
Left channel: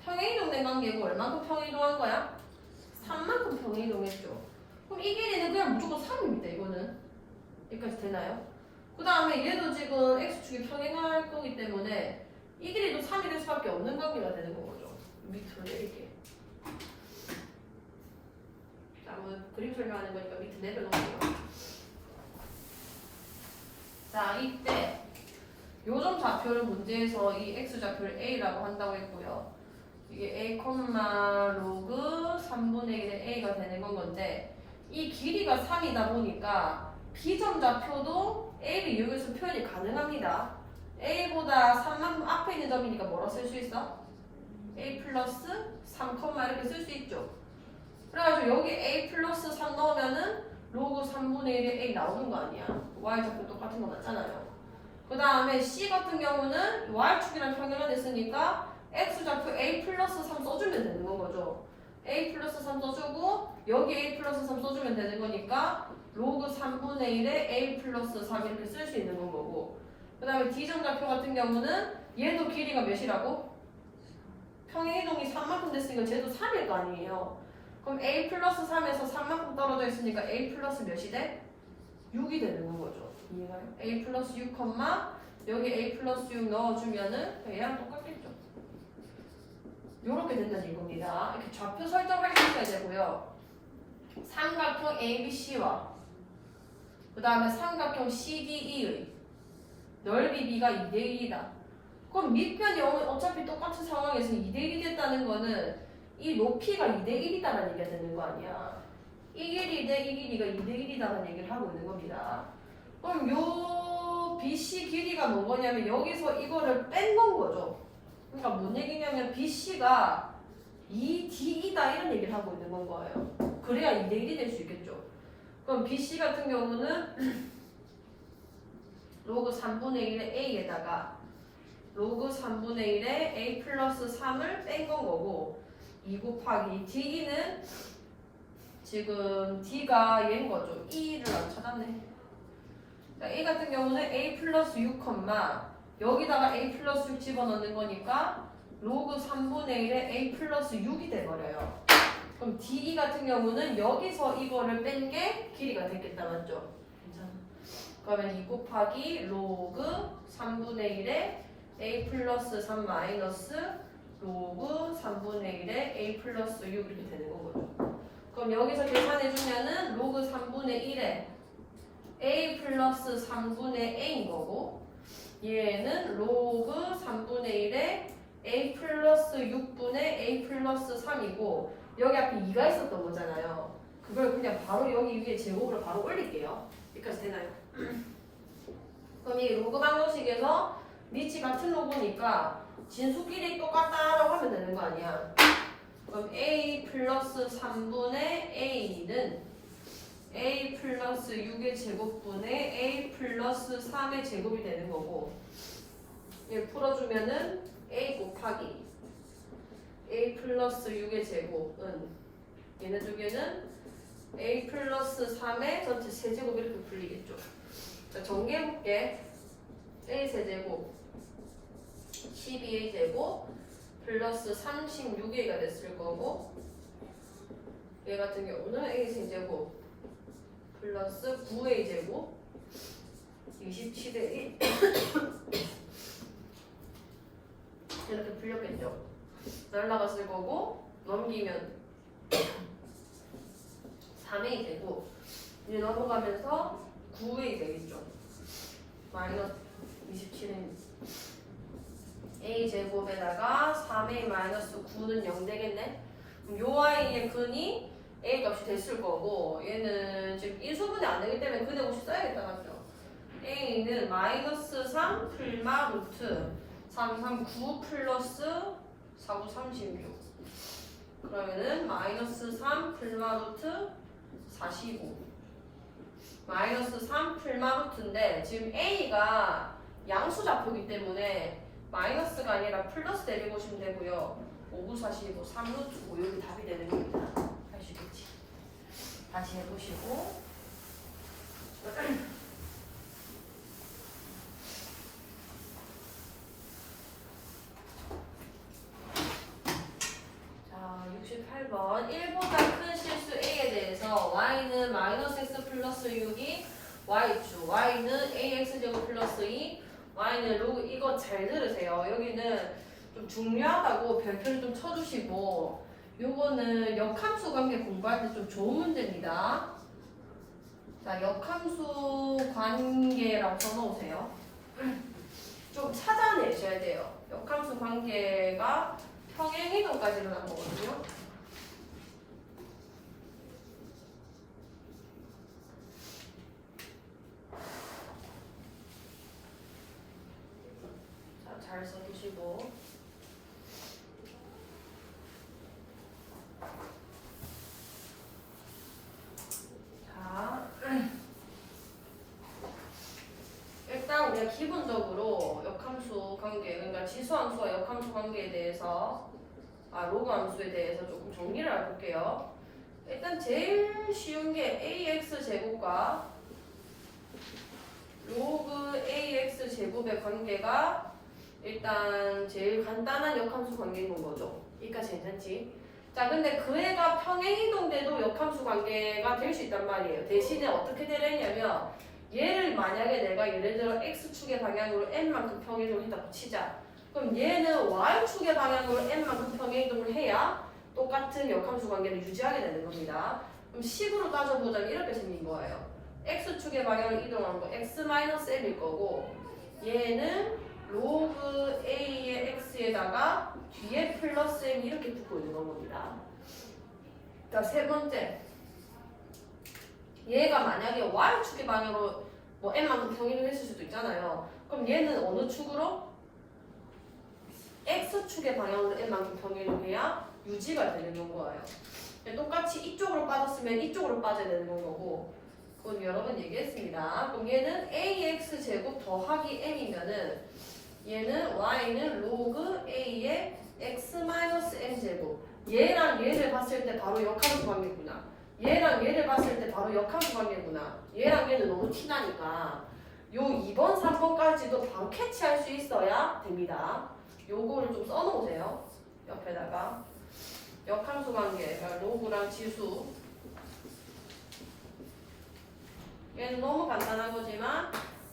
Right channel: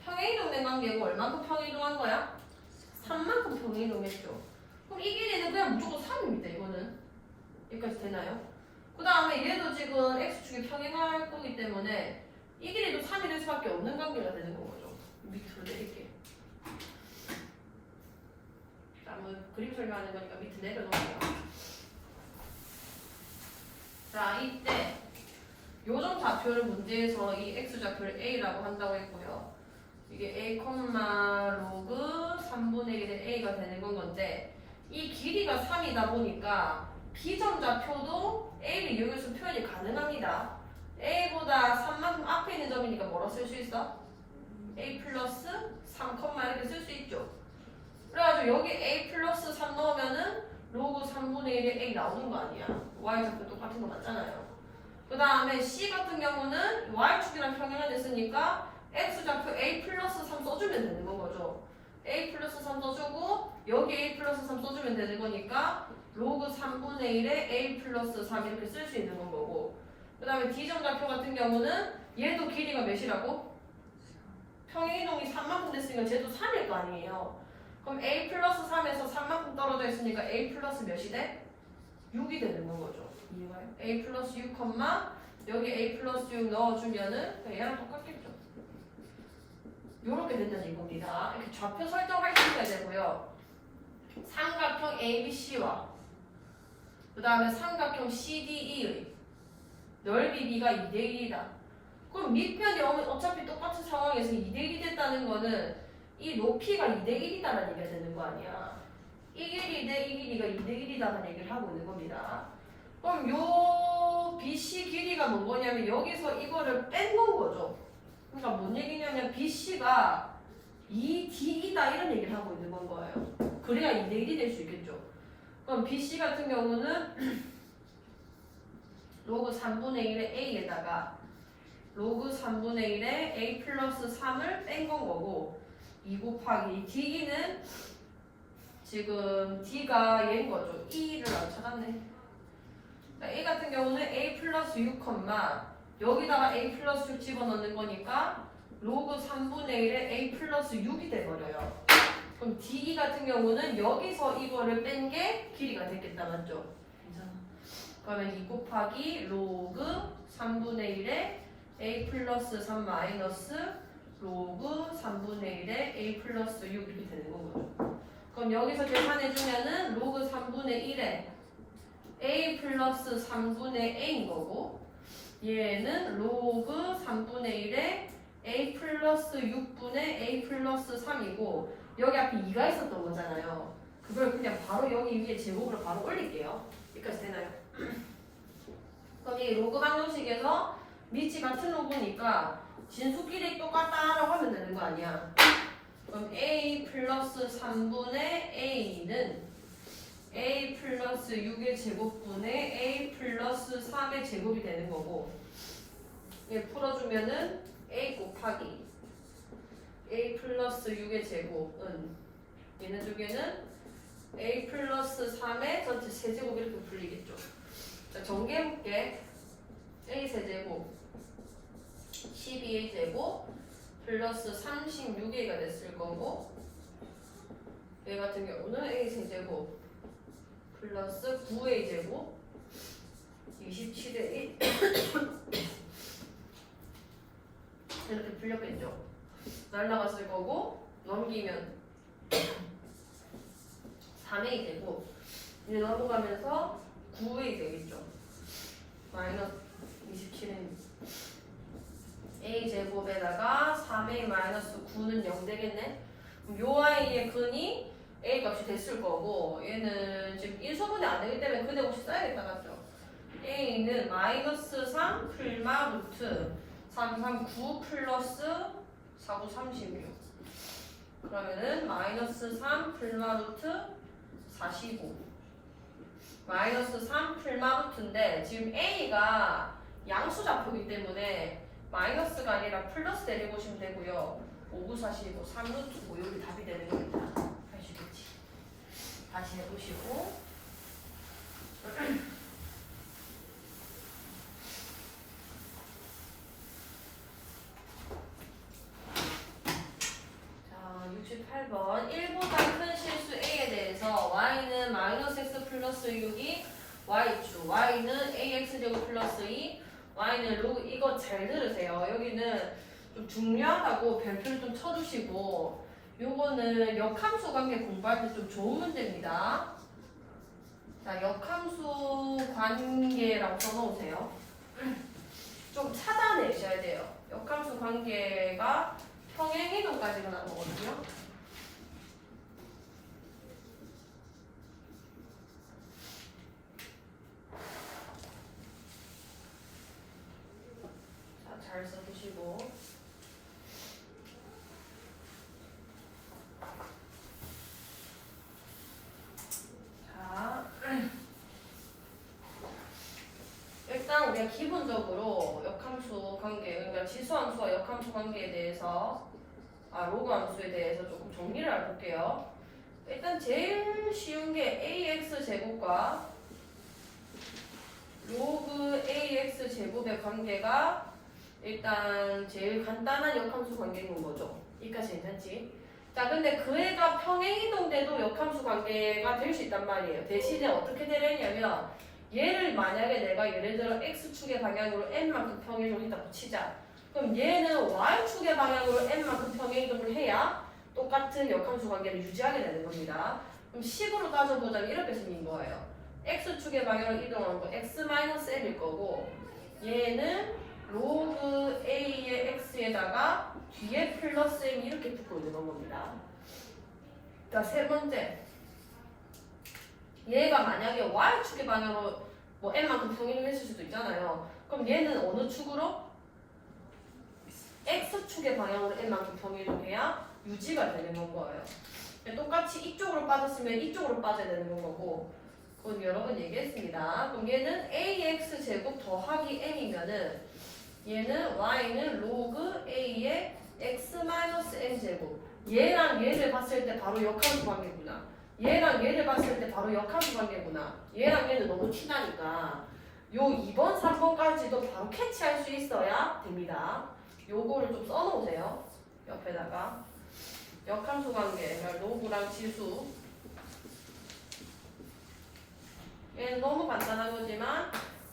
평행이동된 관계고 얼만큼 평행이동한 거야? 3만큼 평행이동했죠. 그럼 이 길이는 그냥 무조건 3입니다. 이거는 여기까지 되나요? 그 다음에 얘도 지금 x축이 평행할 거기 때문에 이 길이도 3이 될 수밖에 없는 관계가 되는 거죠. 밑으로 내릴게. 자, 한번 그림 설명하는 거니까 밑에 내려놓을게요. 자, 이때 요점 좌표를 문제에서 이 x좌표를 a라고 한다고 했고요. 이게 a, 로그 3분의 1의 a가 되는 건데 이 길이가 3이다 보니까 b점 좌표도 a를 이용해서 표현이 가능합니다. a보다 3만큼 앞에 있는 점이니까 뭐라 쓸 수 있어? a 플러스 3, 이렇게 쓸 수 있죠. 그래가지고 여기 a 플러스 3 넣으면은 로그 3분의 1의 a 나오는 거 아니야. y좌표 똑같은 거 맞잖아요. 그 다음에 c 같은 경우는 y축이랑 평행을 했으니까 x좌표 a 플러스 3 써주면 되는 건 거죠. a 플러스 3 써주고 여기 a 플러스 3 써주면 되는 거니까 로그 3분의 1에 a 플러스 3 이렇게 쓸 수 있는 건 거고 그 다음에 d점 좌표 같은 경우는 얘도 길이가 몇이라고? 평행이동이 3만큼 됐으니까 쟤도 3일 거 아니에요. 그럼 a 플러스 3에서 3만큼 떨어져 있으니까 a 플러스 몇이 돼? 6이 되는 건 거죠. 이해가요? a 플러스 6, 여기 a 플러스 6 넣어주면은 얘랑 똑같겠죠. 요렇게 된다는 겁니다. 이렇게 좌표 설정할 수 있어야 되고요. 삼각형 ABC와 그 다음에 삼각형 CDE의 넓이 B가 2대1이다. 그럼 밑변이 어차피 똑같은 상황에서 2대1이 됐다는 거는 이 높이가 2대1이다라는 얘기가 되는 거 아니야. 이 길이 대 이 길이가 2대1이다라는 얘기를 하고 있는 겁니다. 그럼 요 BC 길이가 뭔 거냐면 여기서 이거를 뺀 건 거죠. 그러니까 뭔 얘기냐면 BC가 2D이다 이런 얘기를 하고 있는 건 거예요. 그래야 2대1이 될 수 있겠죠. 그럼 BC 같은 경우는 로그 3분의 1의 A에다가 로그 3분의 1의 A 플러스 3을 뺀 건 거고 2 곱하기 D는 지금 D가 얘인 거죠. E를 안 찾았네. 자, A 같은 경우는 A 플러스 6, 여기다가 A 플러스 6 집어넣는 거니까 로그 3분의 1에 A 플러스 6이 돼버려요. 그럼 DE 같은 경우는 여기서 이거를 뺀 게 길이가 됐겠다. 맞죠? 괜찮아. 그러면 2 곱하기 로그 3분의 1에 a 플러스 3 마이너스 로그 3분의 1에 a 플러스 6 이렇게 되는 거거든. 그럼 여기서 계산해주면은 로그 3분의 1에 a 플러스 3분의 a인 거고 얘는 로그 3분의 1에 a 플러스 6분의 a 플러스 3이고 여기 앞에 2가 있었던 거잖아요. 그걸 그냥 바로 여기 위에 제곱으로 바로 올릴게요. 여기까지 되나요? 그럼 이 로그 방정식에서 밑이 같은 로그니까 진수끼리 똑같다라고 하면 되는 거 아니야. 그럼 a 플러스 3분의 a는 a 플러스 6의 제곱분의 a 플러스 3의 제곱이 되는 거고 얘 풀어주면은 a 곱하기 a 플러스 6의 제곱은 얘네 두 개는 a 플러스 3의 전체 세제곱 이렇게 풀리겠죠. 자, 정리해볼게. a 세제곱 12a 제곱 플러스 36a가 됐을 거고 얘 같은 경우는 a 세제곱 플러스 9a 제곱 27의 1 이렇게 풀렸겠죠. 날라갔을 거고 넘기면 3a 되고 이제 넘어가면서 9a 되겠죠. 마이너스 27은 a 제곱에다가 3a 마이너스 9는 0 되겠네. 그럼 요 아이의 근이 a 값이 됐을 거고 얘는 지금 인수분해 안 되기 때문에 근의 값이 써야겠다 맞죠? a는 마이너스 3 풀마 루트 3, 3, 9 플러스 4, 9, 36 그러면은 마이너스 3 풀마 루트 45 마이너스 3 풀마 루트인데 지금 a가 양수 좌표이기 때문에 마이너스가 아니라 플러스 내려보시면 되고요. 5, 9, 45, 3루트고 여기 답이 되는 겁니다. 할 수 있겠지. 다시 해보시고 자 68번 1보다 큰 실수 a에 대해서 y는 마이너스 x 플러스 6이 y축 y는 ax제곱 플러스 2 y는 로그 이거 잘 들으세요. 여기는 좀 중요하다고 별표를 좀 쳐주시고 요거는 역함수 관계 공부할 때 좀 좋은 문제입니다. 자, 역함수 관계라고 써놓으세요. 좀 찾아내셔야 돼요. 역함수 관계가 평행이동까지 일어난 거거든요. 자, 잘 써주시고 일단 우리가 기본적으로 역함수 관계, 그러니까 지수함수와 역함수 관계에 대해서 로그 함수에 대해서 조금 정리를 해볼게요. 일단 제일 쉬운 게 ax 제곱과 로그 ax 제곱의 관계가 일단 제일 간단한 역함수 관계인 거죠. 여기까지 괜찮지? 자, 근데 그 애가 평행이동돼도 역함수 관계가 될 수 있단 말이에요. 대신에 어떻게 되냐면 얘를 만약에 내가 예를 들어 x축의 방향으로 n만큼 평행이동을 했다고 치자. 그럼 얘는 y축의 방향으로 n만큼 평행이동을 해야 똑같은 역함수 관계를 유지하게 되는 겁니다. 그럼 식으로 따져보자면 이렇게 생긴 거예요. x축의 방향으로 이동하는 거 x-l일 거고 얘는 로그 a의 x에다가 뒤에 플러스 n이 이렇게 붙고 있는 겁니다. 자, 세 번째. 얘가 만약에 y축의 방향으로 뭐 n만큼 평행을 했을 수도 있잖아요. 그럼 얘는 어느 축으로? x축의 방향으로 n만큼 평행을 해야 유지가 되는 거예요. 똑같이 이쪽으로 빠졌으면 이쪽으로 빠져야 되는 거고 그건 여러 번 얘기했습니다. 그럼 얘는 ax 제곱 더하기 n이면은 얘는 y는 로그 a의 x-n 제곱 얘랑 얘를 봤을 때 바로 역함수 관계구나. 얘랑 얘를 봤을 때 바로 역함수 관계구나. 얘랑 얘는 너무 티나니까 요 2번, 3번까지도 바로 캐치할 수 있어야 됩니다. 요거를 좀 써놓으세요. 옆에다가 역함수 관계, 그러니까 로그랑 지수 얘는 너무 간단한 거지만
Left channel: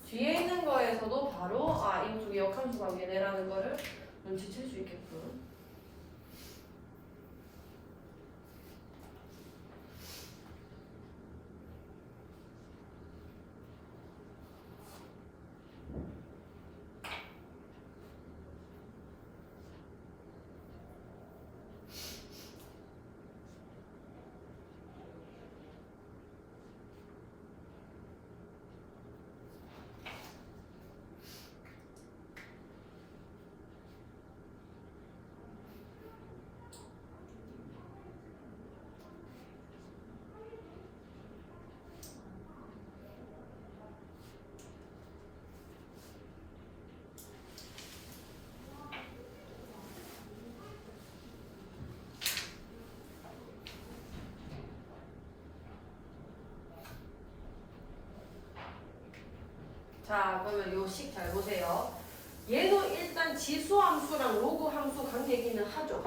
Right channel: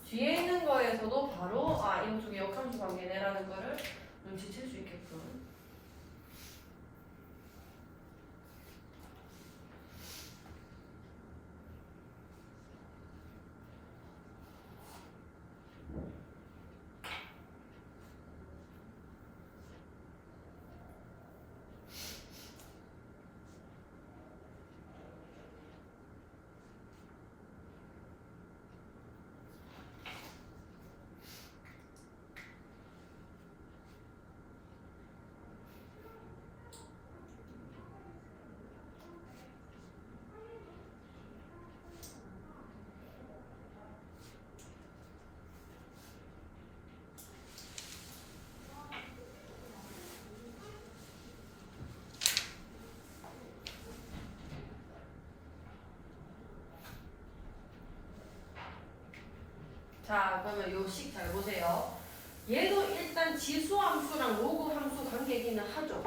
뒤에 있는 거에서도 바로 이 두 개 역함수 관계네라는 거를 눈치챌 수 있게끔. 자, 그러면 요 식 잘 보세요. 얘도 일단 지수함수랑 로그함수 관계기는 하죠.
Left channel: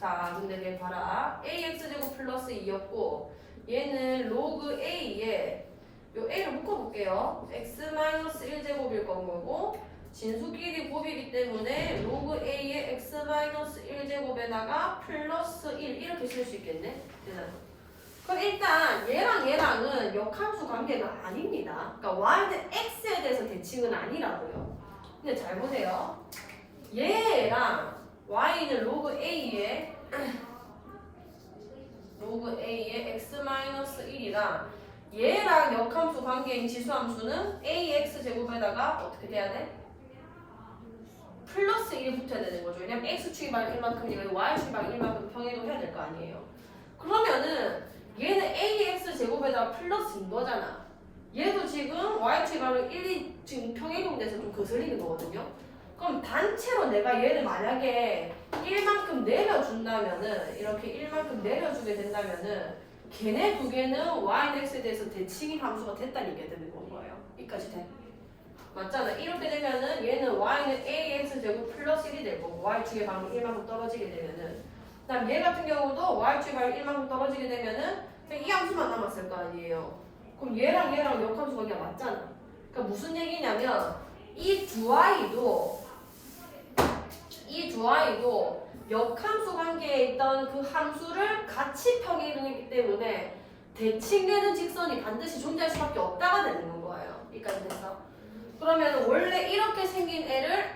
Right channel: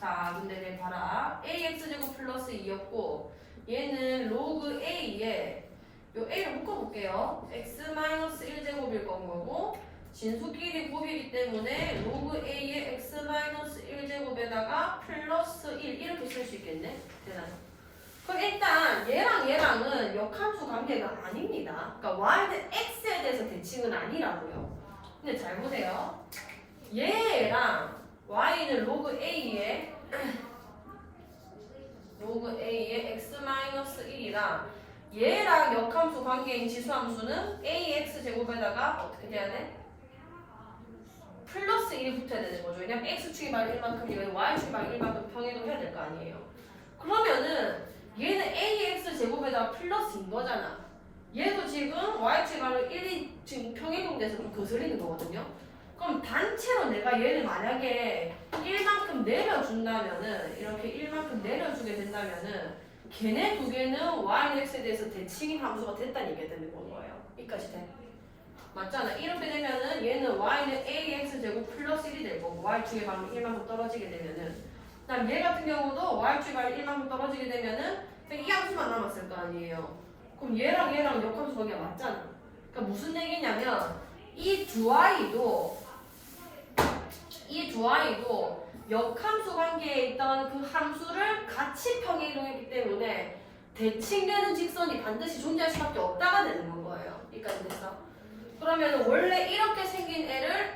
자, 근데 내 봐라. ax제곱 플러스 2였고 얘는 로그 a에 요 a를 묶어볼게요. x-1제곱일 건 거고 진수끼리 곱이기 때문에 로그 a의 x-1제곱에다가 플러스 1 이렇게 쓸 수 있겠네. 그럼 일단 얘랑은 역함수 관계가 아닙니다. 그러니까 y는 x에 대해서 대칭은 아니라고요. 근데 잘 보세요. 얘랑 y는 로그 a의 x-1이랑 얘랑 역함수 관계인 지수함수는 ax 제곱에다가 어떻게 돼야 돼? 플러스 1이 붙어야 되는 거죠. 왜냐면 x축이 바로 1만큼이면 y축이 바로 1만큼 평행을 해야 될 거 아니에요. 그러면은 얘는 ax 제곱에다가 플러스인 거잖아. 얘도 지금 y축이 바로 1이 지금 평행이동돼서 좀 거슬리는 거거든요. 그럼 단체로 내가 얘를 만약에 1만큼 내려준다면은 이렇게 1만큼 내려주게 된다면은 걔네 두 개는 y는 x에 대해서 대칭인 함수가 됐다는 얘기가 되는 건 거예요. 여기까지 돼. 맞잖아. 이렇게 되면은 얘는 y는 ax 제곱 플러스 1이 될 거고 y축의 방이 1만큼 떨어지게 되면은 그다음 얘 같은 경우도 y축의 방이 1만큼 떨어지게 되면은 이 함수만 남았을 거 아니에요. 그럼 얘랑 역함수 관계가 맞잖아. 그러니까 무슨 얘기냐면 이 두 아이도 역함수 관계에 있던 그 함수를 같이 평행이동했기 때문에 대칭되는 직선이 반드시 존재할 수밖에 없다가 되는 건 거예요. 여기까지 됐어? 그러면 원래 이렇게 생긴 애를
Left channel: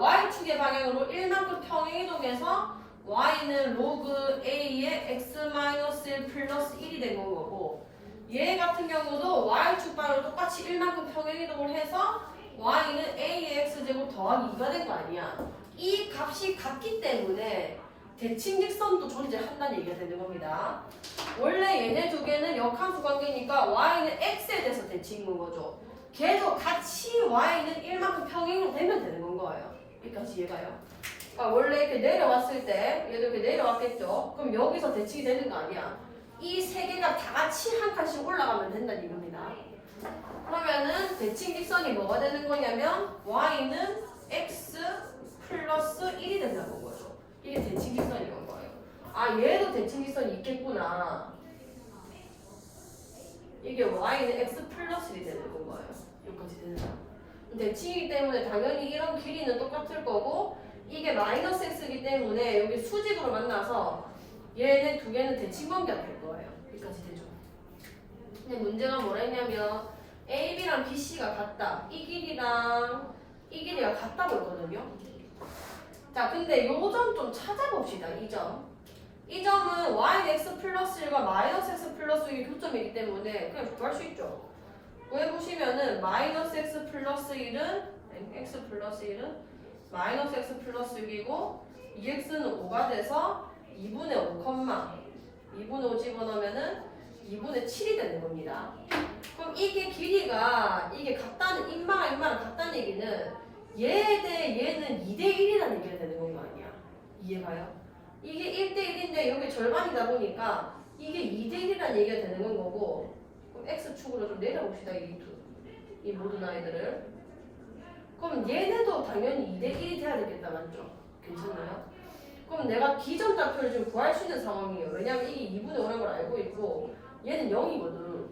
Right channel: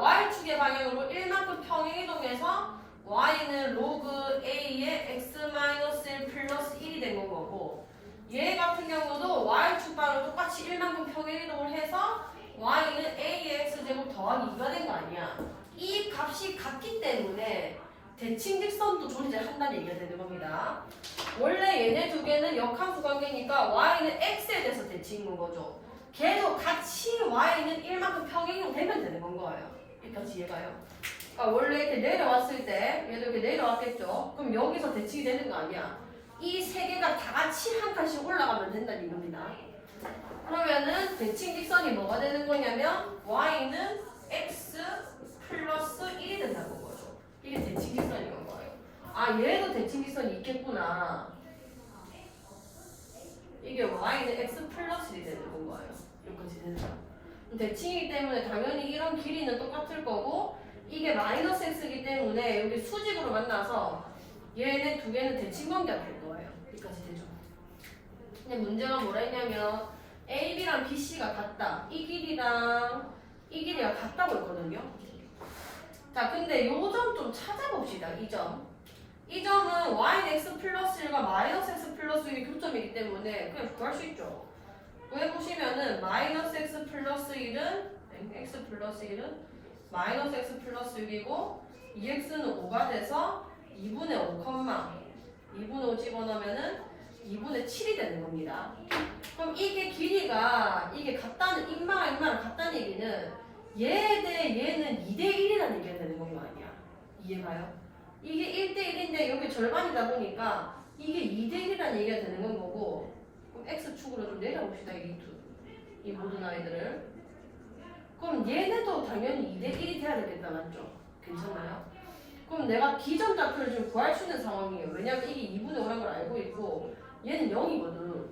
y축의 방향으로 1만큼 평행이동해서 y는 로그 a의 x-1 플러스 1이 된 건 거고 얘 같은 경우도 y축 방향으로 똑같이 1만큼 평행이동을 해서 y는 ax 제곱 더하기 2가 된 거 아니야. 이 값이 같기 때문에 대칭 직선도 존재한다는 얘기가 되는 겁니다. 원래 얘네 두 개는 역함수 관계니까 y는 x에 대해서 대칭인 거죠. 계속 같이 y는 1만큼 평행이동 되면 되는 건 거예요. 여기까지 이해가요? 그러니까 원래 이렇게 내려왔을 때 얘도 이렇게 내려왔겠죠. 그럼 여기서 대칭이 되는 거 아니야. 이 세 개가 다 같이 한 칸씩 올라가면 된다는 얘기입니다. 그러면은 대칭 직선이 뭐가 되는 거냐면 y는 x 플러스 1이 된다는 거죠. 이게 대칭 직선인 거예요. 얘도 대칭 직선이 있겠구나. 이게 y는 x 플러스 1이 되는 건 거예요. 여기까지 되는 거. 대칭이기 때문에 당연히 이런 길이는 똑같을 거고 이게 마이너스 x이기 때문에 여기 수직으로 만나서 얘네 두 개는 대칭 관계가 될 거예요. 여기까지 되죠. 근데 문제가 뭐라 했냐면 AB랑 BC가 같다. 이 길이랑 이 길이가 같다고 했거든요. 자, 근데 요 점 좀 찾아봅시다. 이 점. 이 점은 y는 x 플러스 1과 마이너스 x 플러스 1이 교점이기 때문에 그냥 구할 수 있죠. 구해보시면은 마이너스 x 플러스 1은 x 플러스 1은 마이너스 x 플러스 6이고 2x는 5가 돼서 2분의 5, 2분의 5 집어넣으면은 2분의 7이 되는 겁니다. 그럼 이게 길이가 이게 같다는 인마랑 같다는 얘기는 얘 대 얘는 2대 1이라는 얘기가 되는 건 거 아니야. 이해가요? 이게 1대 1인데 여기 절반이다 보니까 이게 2대 1이라는 얘기가 되는 건 거고 그럼 x축으로 좀 내려봅시다. 이 모든 아이들을. 그럼 얘네도 당연히 2대 1이 돼야 되겠다. 맞죠? 괜찮나요? 그럼 내가 기존 좌표를 좀 구할 수 있는 상황이에요. 왜냐면 이게 2분의 5라는 걸 알고 있고 얘는 0이거든.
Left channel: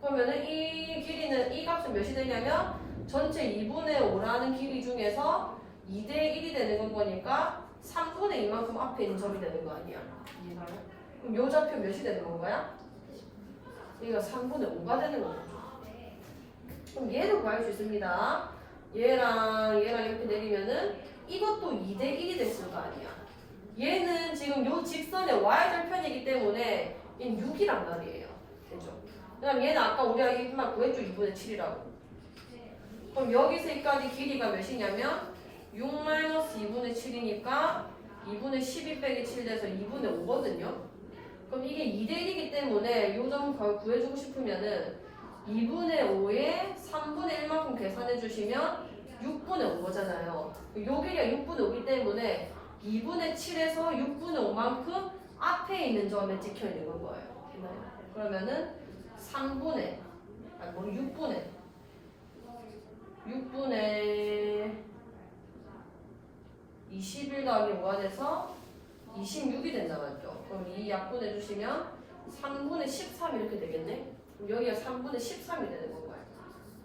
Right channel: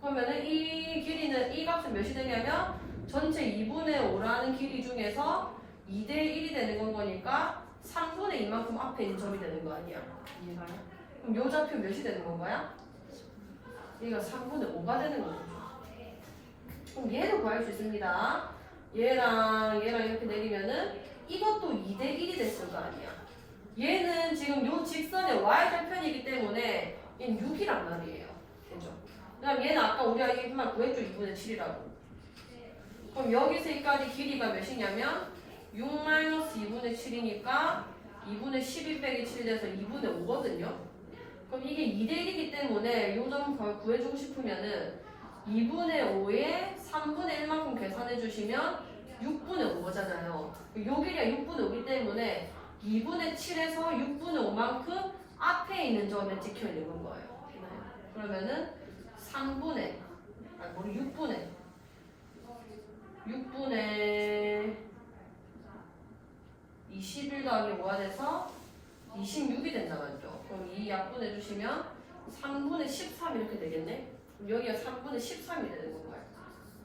그러면은 이 길이는 이 값은 몇이 되냐면 전체 2분의 5라는 길이 중에서 2대 1이 되는 거니까 3분의 2만큼 앞에 있는 점이 되는 거 아니야? 이해가요? 그럼 요 좌표 몇이 되는 건가요? 얘가 3분의 5가 되는 거죠. 그럼 얘도 구할 수 있습니다. 얘랑 이렇게 내리면은 이것도 2대 1이 됐을 거 아니야. 얘는 지금 요 직선의 y절편이기 때문에 얘는 6이란 말이에요. 그죠? 그 다음 얘는 아까 우리가 이만 구했죠. 2분의 7이라고. 그럼 여기서 여기까지 길이가 몇이냐면 6-2분의 7이니까 2분의 12 빼기 7 돼서 2분의 5거든요. 그럼 이게 2대 1이기 때문에 요 점 구해주고 싶으면은 2분의 5에 3분의 1만큼 계산해 주시면 6분의 5잖아요. 요 길이가 6분의 5이기 때문에 2분의 7에서 6분의 5만큼 앞에 있는 점에 찍혀 있는 건 거예요. 그러면은 6분의 21 더하기 5가 돼서 26이 된다 맞죠? 그럼 이 약분해 주시면 3분의 13 이렇게 되겠네? 그럼 여기가 3분의 13이 되는 건가요?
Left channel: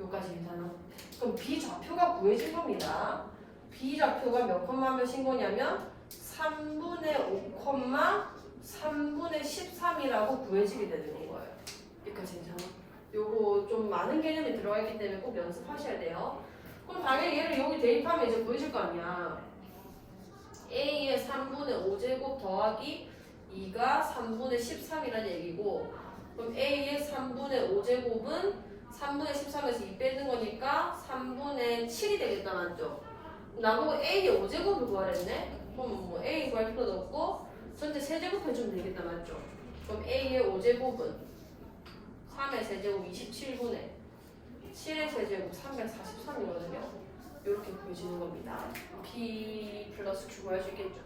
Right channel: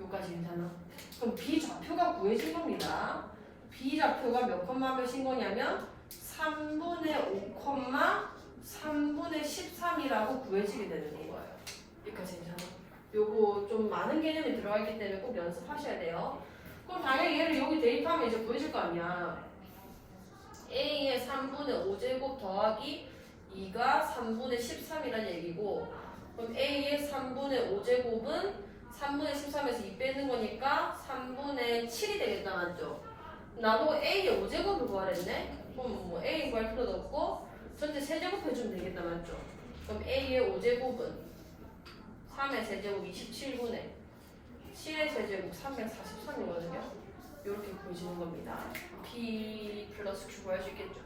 여기까지 괜찮아? 그럼 B좌표가 구해진 겁니다. B좌표가 몇 콤마 몇인 거냐면 3분의 5 3분의 13이라고 구해지게 되는 거예요. 여기까지 괜찮아? 요거 좀 많은 개념이 들어가 있기 때문에 꼭 연습하셔야 돼요. 그럼 당연히 얘를 여기 대입하면 이제 구해질 거 아니야. A의 3분의 5제곱 더하기 2가 3분의 13이라는 얘기고, 그럼 A의 3분의 5제곱은 3분의 13에서 2 빼는 거니까 3분의 7이 되겠다 맞죠? 나보고 A의 5제곱을 구하랬네? 그럼 뭐 A 구할 필요도 없고 전체 세제곱 해주면 되겠다 맞죠? 그럼 A의 5제곱은 3의 세제곱 27분의 7의 세제곱 343이거든요. 이렇게 보여지는 겁니다. P 플러스 Q 구할 수 있겠죠?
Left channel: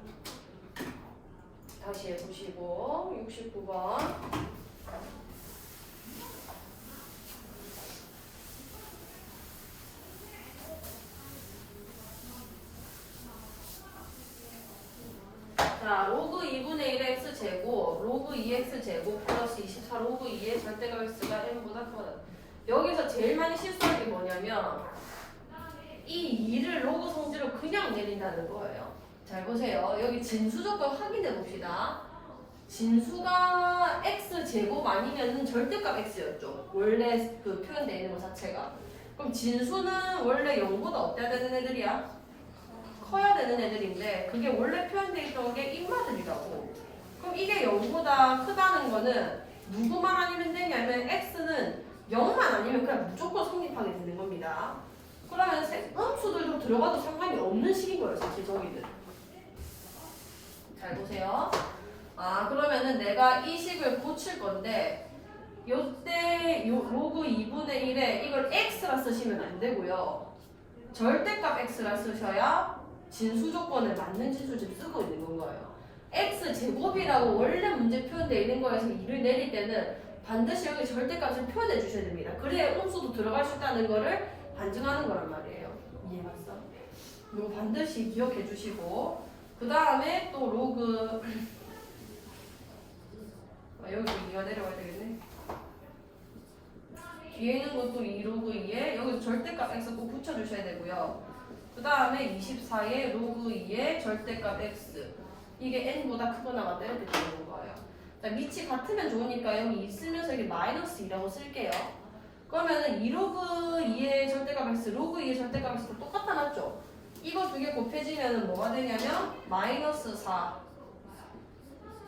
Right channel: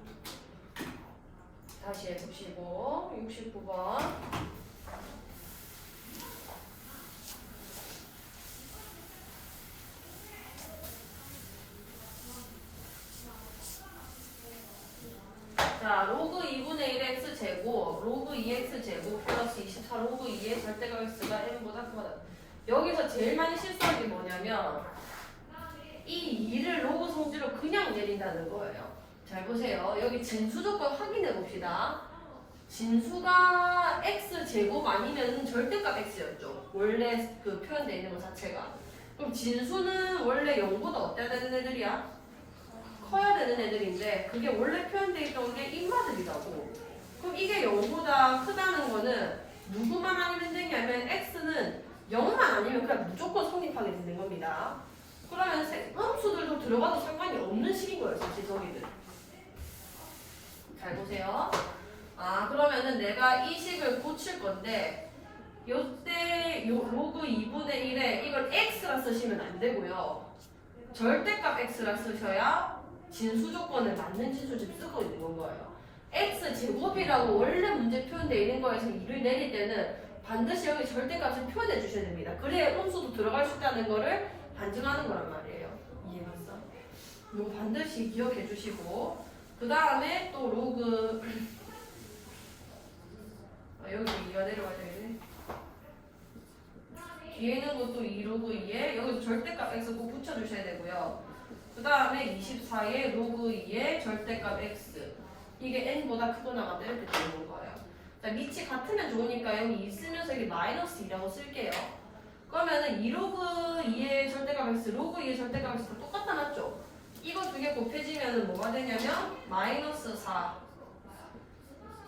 다시 해보시고 69번 자, 로그 2분의 1 x제곱, 로그 2x제곱 플러스 24 로그 2의 절대값 x가 n보다 크다. 여기서 제일 많이 실수하는 게 뭐냐면 이 2를 로그 성질로 그냥 내린다는 거예요. 잘 보세요. 여기 진수 조건 확인해 봅시다. 진수가 x제곱 아니면 절대값 x였죠. 원래 그 표현되어 있는 것 자체가. 그럼 진수는 원래 0보다 어때야 되는 애들이야? 커야 되는 애들인데 그게 원래 표현되어 있던 게 인마들이라고. 그럼 이게 0보다 크다는 거는 누구만 아니면 되냐면 x는 0만 아니면 그냥 무조건 성립하게 되는 겁니다. 그러면 음수들도 들어가도 상관이 없는 식인 거예요. 사실 저기는. 잘 보세요. 아 그러면은 내가 이 식을 고칠 건데 요때 요 로그 2분의 1에 이걸 x라 쓰시면 안 되고요. 절대값 x라 쓰셔야 진수 조건에 맞는 진수를 쓰고 있는 건 거예요. x제곱이라고 원래 문제 표현되어 있는 거에서 2를 내릴 때는 반드시 여기 절대값을 표현해 주셔야 됩니다. 그래야 음수도 들어갈 수 있다는 거를 반증하는 거란 말이에요. 이해갔어? 이거 반드시 기억해 주시고 그 다음에 또 로그 여기도 2가 내려와야 되겠네. 뒤에 있는 것도 2 로그 2에 여기도 절대값 x 꼭 붙여주셔야 되고요. 그 다음에 24의 로그 2의 절대값 x 이게 n보다 크거나 같다 이렇게 되는 거예요. 자, 밑이 같으면 좋으니까 여기 2 쓰면서 여기 마이너스 2라고 쓸게요. 그러면은 2 로그 2의 절대값 x 로그 2의 절대값 x 똑같다 맞죠? 이거 두 개 곱해지면 뭐가 되냐면 마이너스 4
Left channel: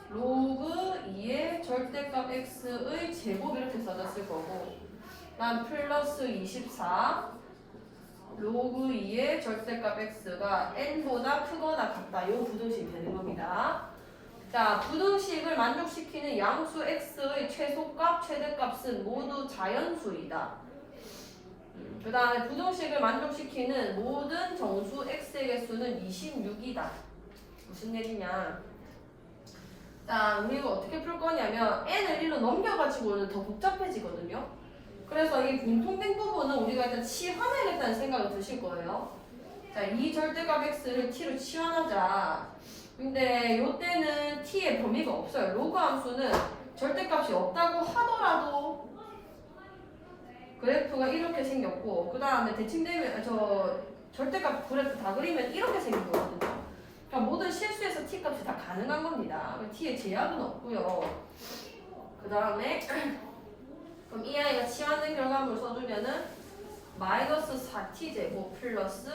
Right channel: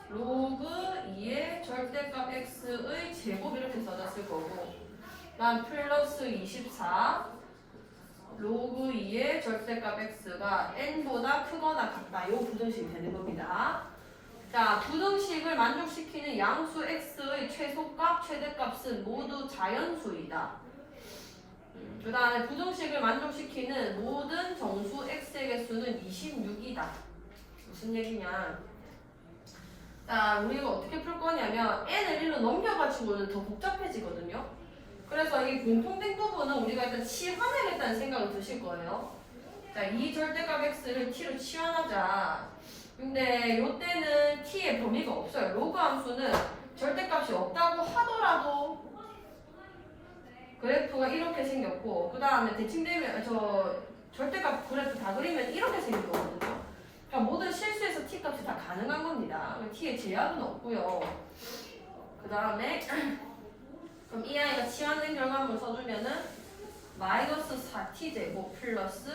로그 2의 절대값 x의 제곱 이렇게 써졌을 거고 난 플러스 24 로그 2의 절대값 x가 n보다 크거나 같다. 요 부등식이 되는 겁니다. 자, 부등식을 만족시키는 양수 x의 최소값, 최대값은 모두 자연수이다. 그 다음에 부등식을 만족시키는 모든 정수 x의 개수는 26이다. 무슨 얘기냐? 자, 우리가 어떻게 풀 거냐면 n을 1로 넘겨가지고는 더 복잡해지거든요. 그래서 이 공통된 부분은 우리가 일단 치환하겠다는 생각을 드실 거예요. 자, 이 절대값 x를 t로 치환하자. 근데 요때는 t의 범위가 없어요. 로그 함수는 절대값이 없다고 하더라도 그래프가 이렇게 생겼고 그 다음에 대칭되면 절대값 그래프 다 그리면 이렇게 생긴 거거든요. 그러니까 모든 실수에서 t 값이 다 가능한 겁니다. t의 제약은 없고요. 그 다음에 그럼 이 아이가 취하는 결과물 써주면은 마이너스 4t 제곱 플러스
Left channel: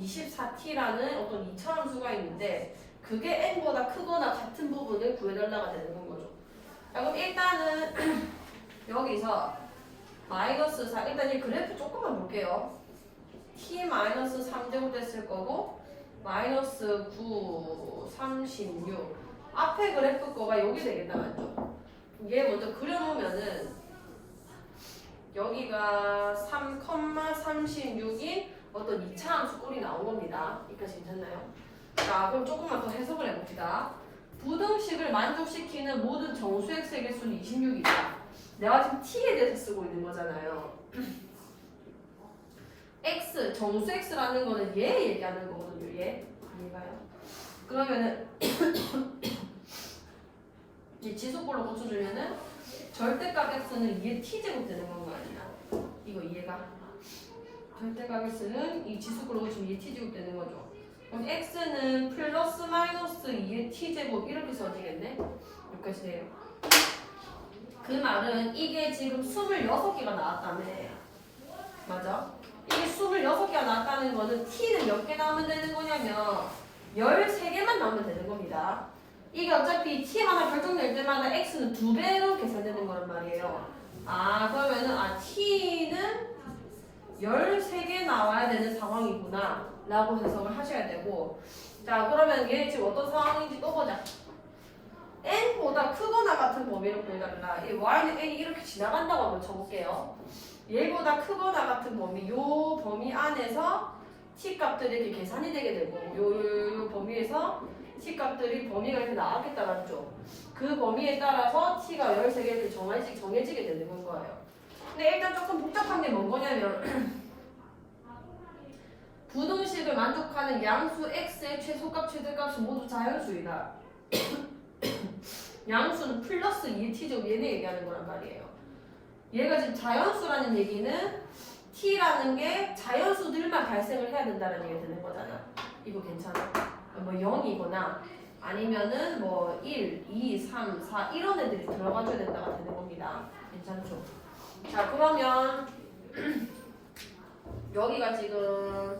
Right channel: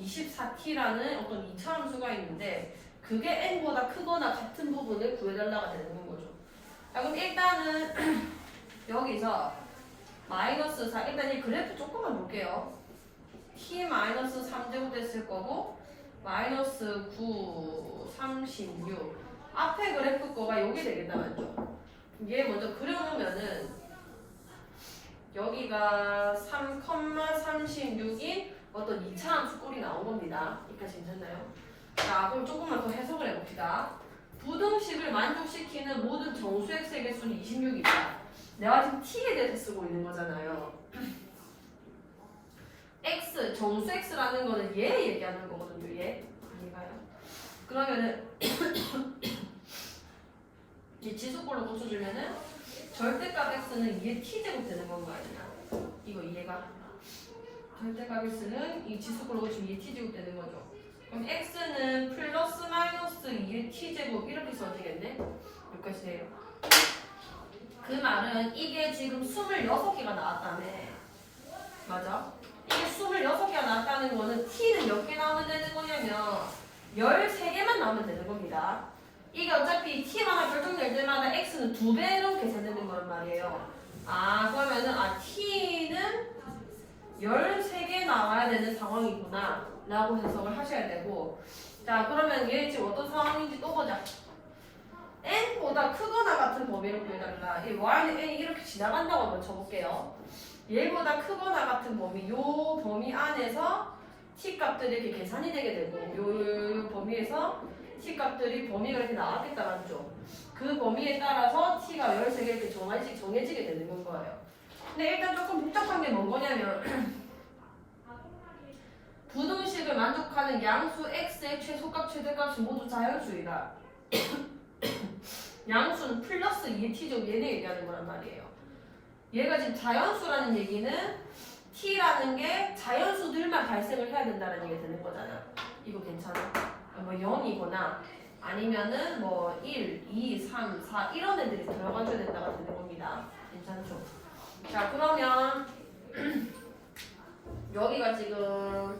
24t라는 어떤 2차함수가 있는데 그게 n보다 크거나 같은 부분을 구해달라가 되는 거죠. 자, 그럼 일단은 여기서 마이너스 4 일단 이 그래프 조금만 볼게요. t 마이너스 3제곱 됐을 거고 마이너스 9, 36 앞에 그래프 거가 여기 되겠다 맞죠? 얘 먼저 그려놓으면은 여기가 3,36인 어떤 2차 함수 꼴이 나온 겁니다. 여기까지 괜찮나요? 자, 그럼 조금만 더 해석을 해봅시다. 부등식을 만족시키는 모든 정수 x의 개수는 26이다. 내가 지금 t에 대해서 쓰고 있는 거잖아요. x, 정수 x라는 거는 얘 얘기하는 거거든요. 얘 아닌가요? 그러면은 이 지수꼴로 고쳐주면은 절대값 x는 2의 t제곱 되는 건가 아니야? 이거 이해가? 절대값 x는 이 지수꼴로 고치면 2의 t제곱 되는 거죠. 그럼 x는 플러스 마이너스 2의 t제곱 이렇게 써지겠네? 여기까지 돼요. 그 말은 이게 지금 26개가 나왔다며. 맞아? 이게 26개가 나왔다는 거는 t는 몇 개 나오면 되는 거냐면 13개만 나오면 되는 겁니다. 이게 어차피 t가 하나 결정될 때마다 x는 2배로 계산되는 거란 말이에요. 아 그러면은 t는 13개 나와야 되는 상황이구나 라고 해석을 하셔야 되고 자 그러면 얘 지금 어떤 상황인지 또 보자. n보다 크거나 같은 범위를 구해달라. 이 y는 n이 이렇게 지나간다고 한번 쳐볼게요. 얘보다 크거나 같은 범위, 요 범위 안에서 t 값들이 이렇게 계산이 되게 되고 요 범위에서 t 값들이 범위가 이렇게 나왔겠다 맞죠? 그 범위에 따라서 t가 13개 이렇게 정해지게 되는 건 거예요. 근데 일단 조금 복잡한 게 뭔 거냐면 부등식을 만족하는 양수 x의 최소값, 최대값이 모두 자연수이다. 양수는 플러스 2의 t제곱 얘네 얘기하는 거란 말이에요. 얘가 지금 자연수라는 얘기는 t라는 게 자연수들만 발생을 해야 된다는 얘기가 되는 거잖아. 이거 괜찮아? 뭐 0이거나 아니면은 뭐 1, 2, 3, 4 이런 애들이 들어가줘야 된다가 되는 겁니다. 괜찮죠? 자 그러면 여기가 지금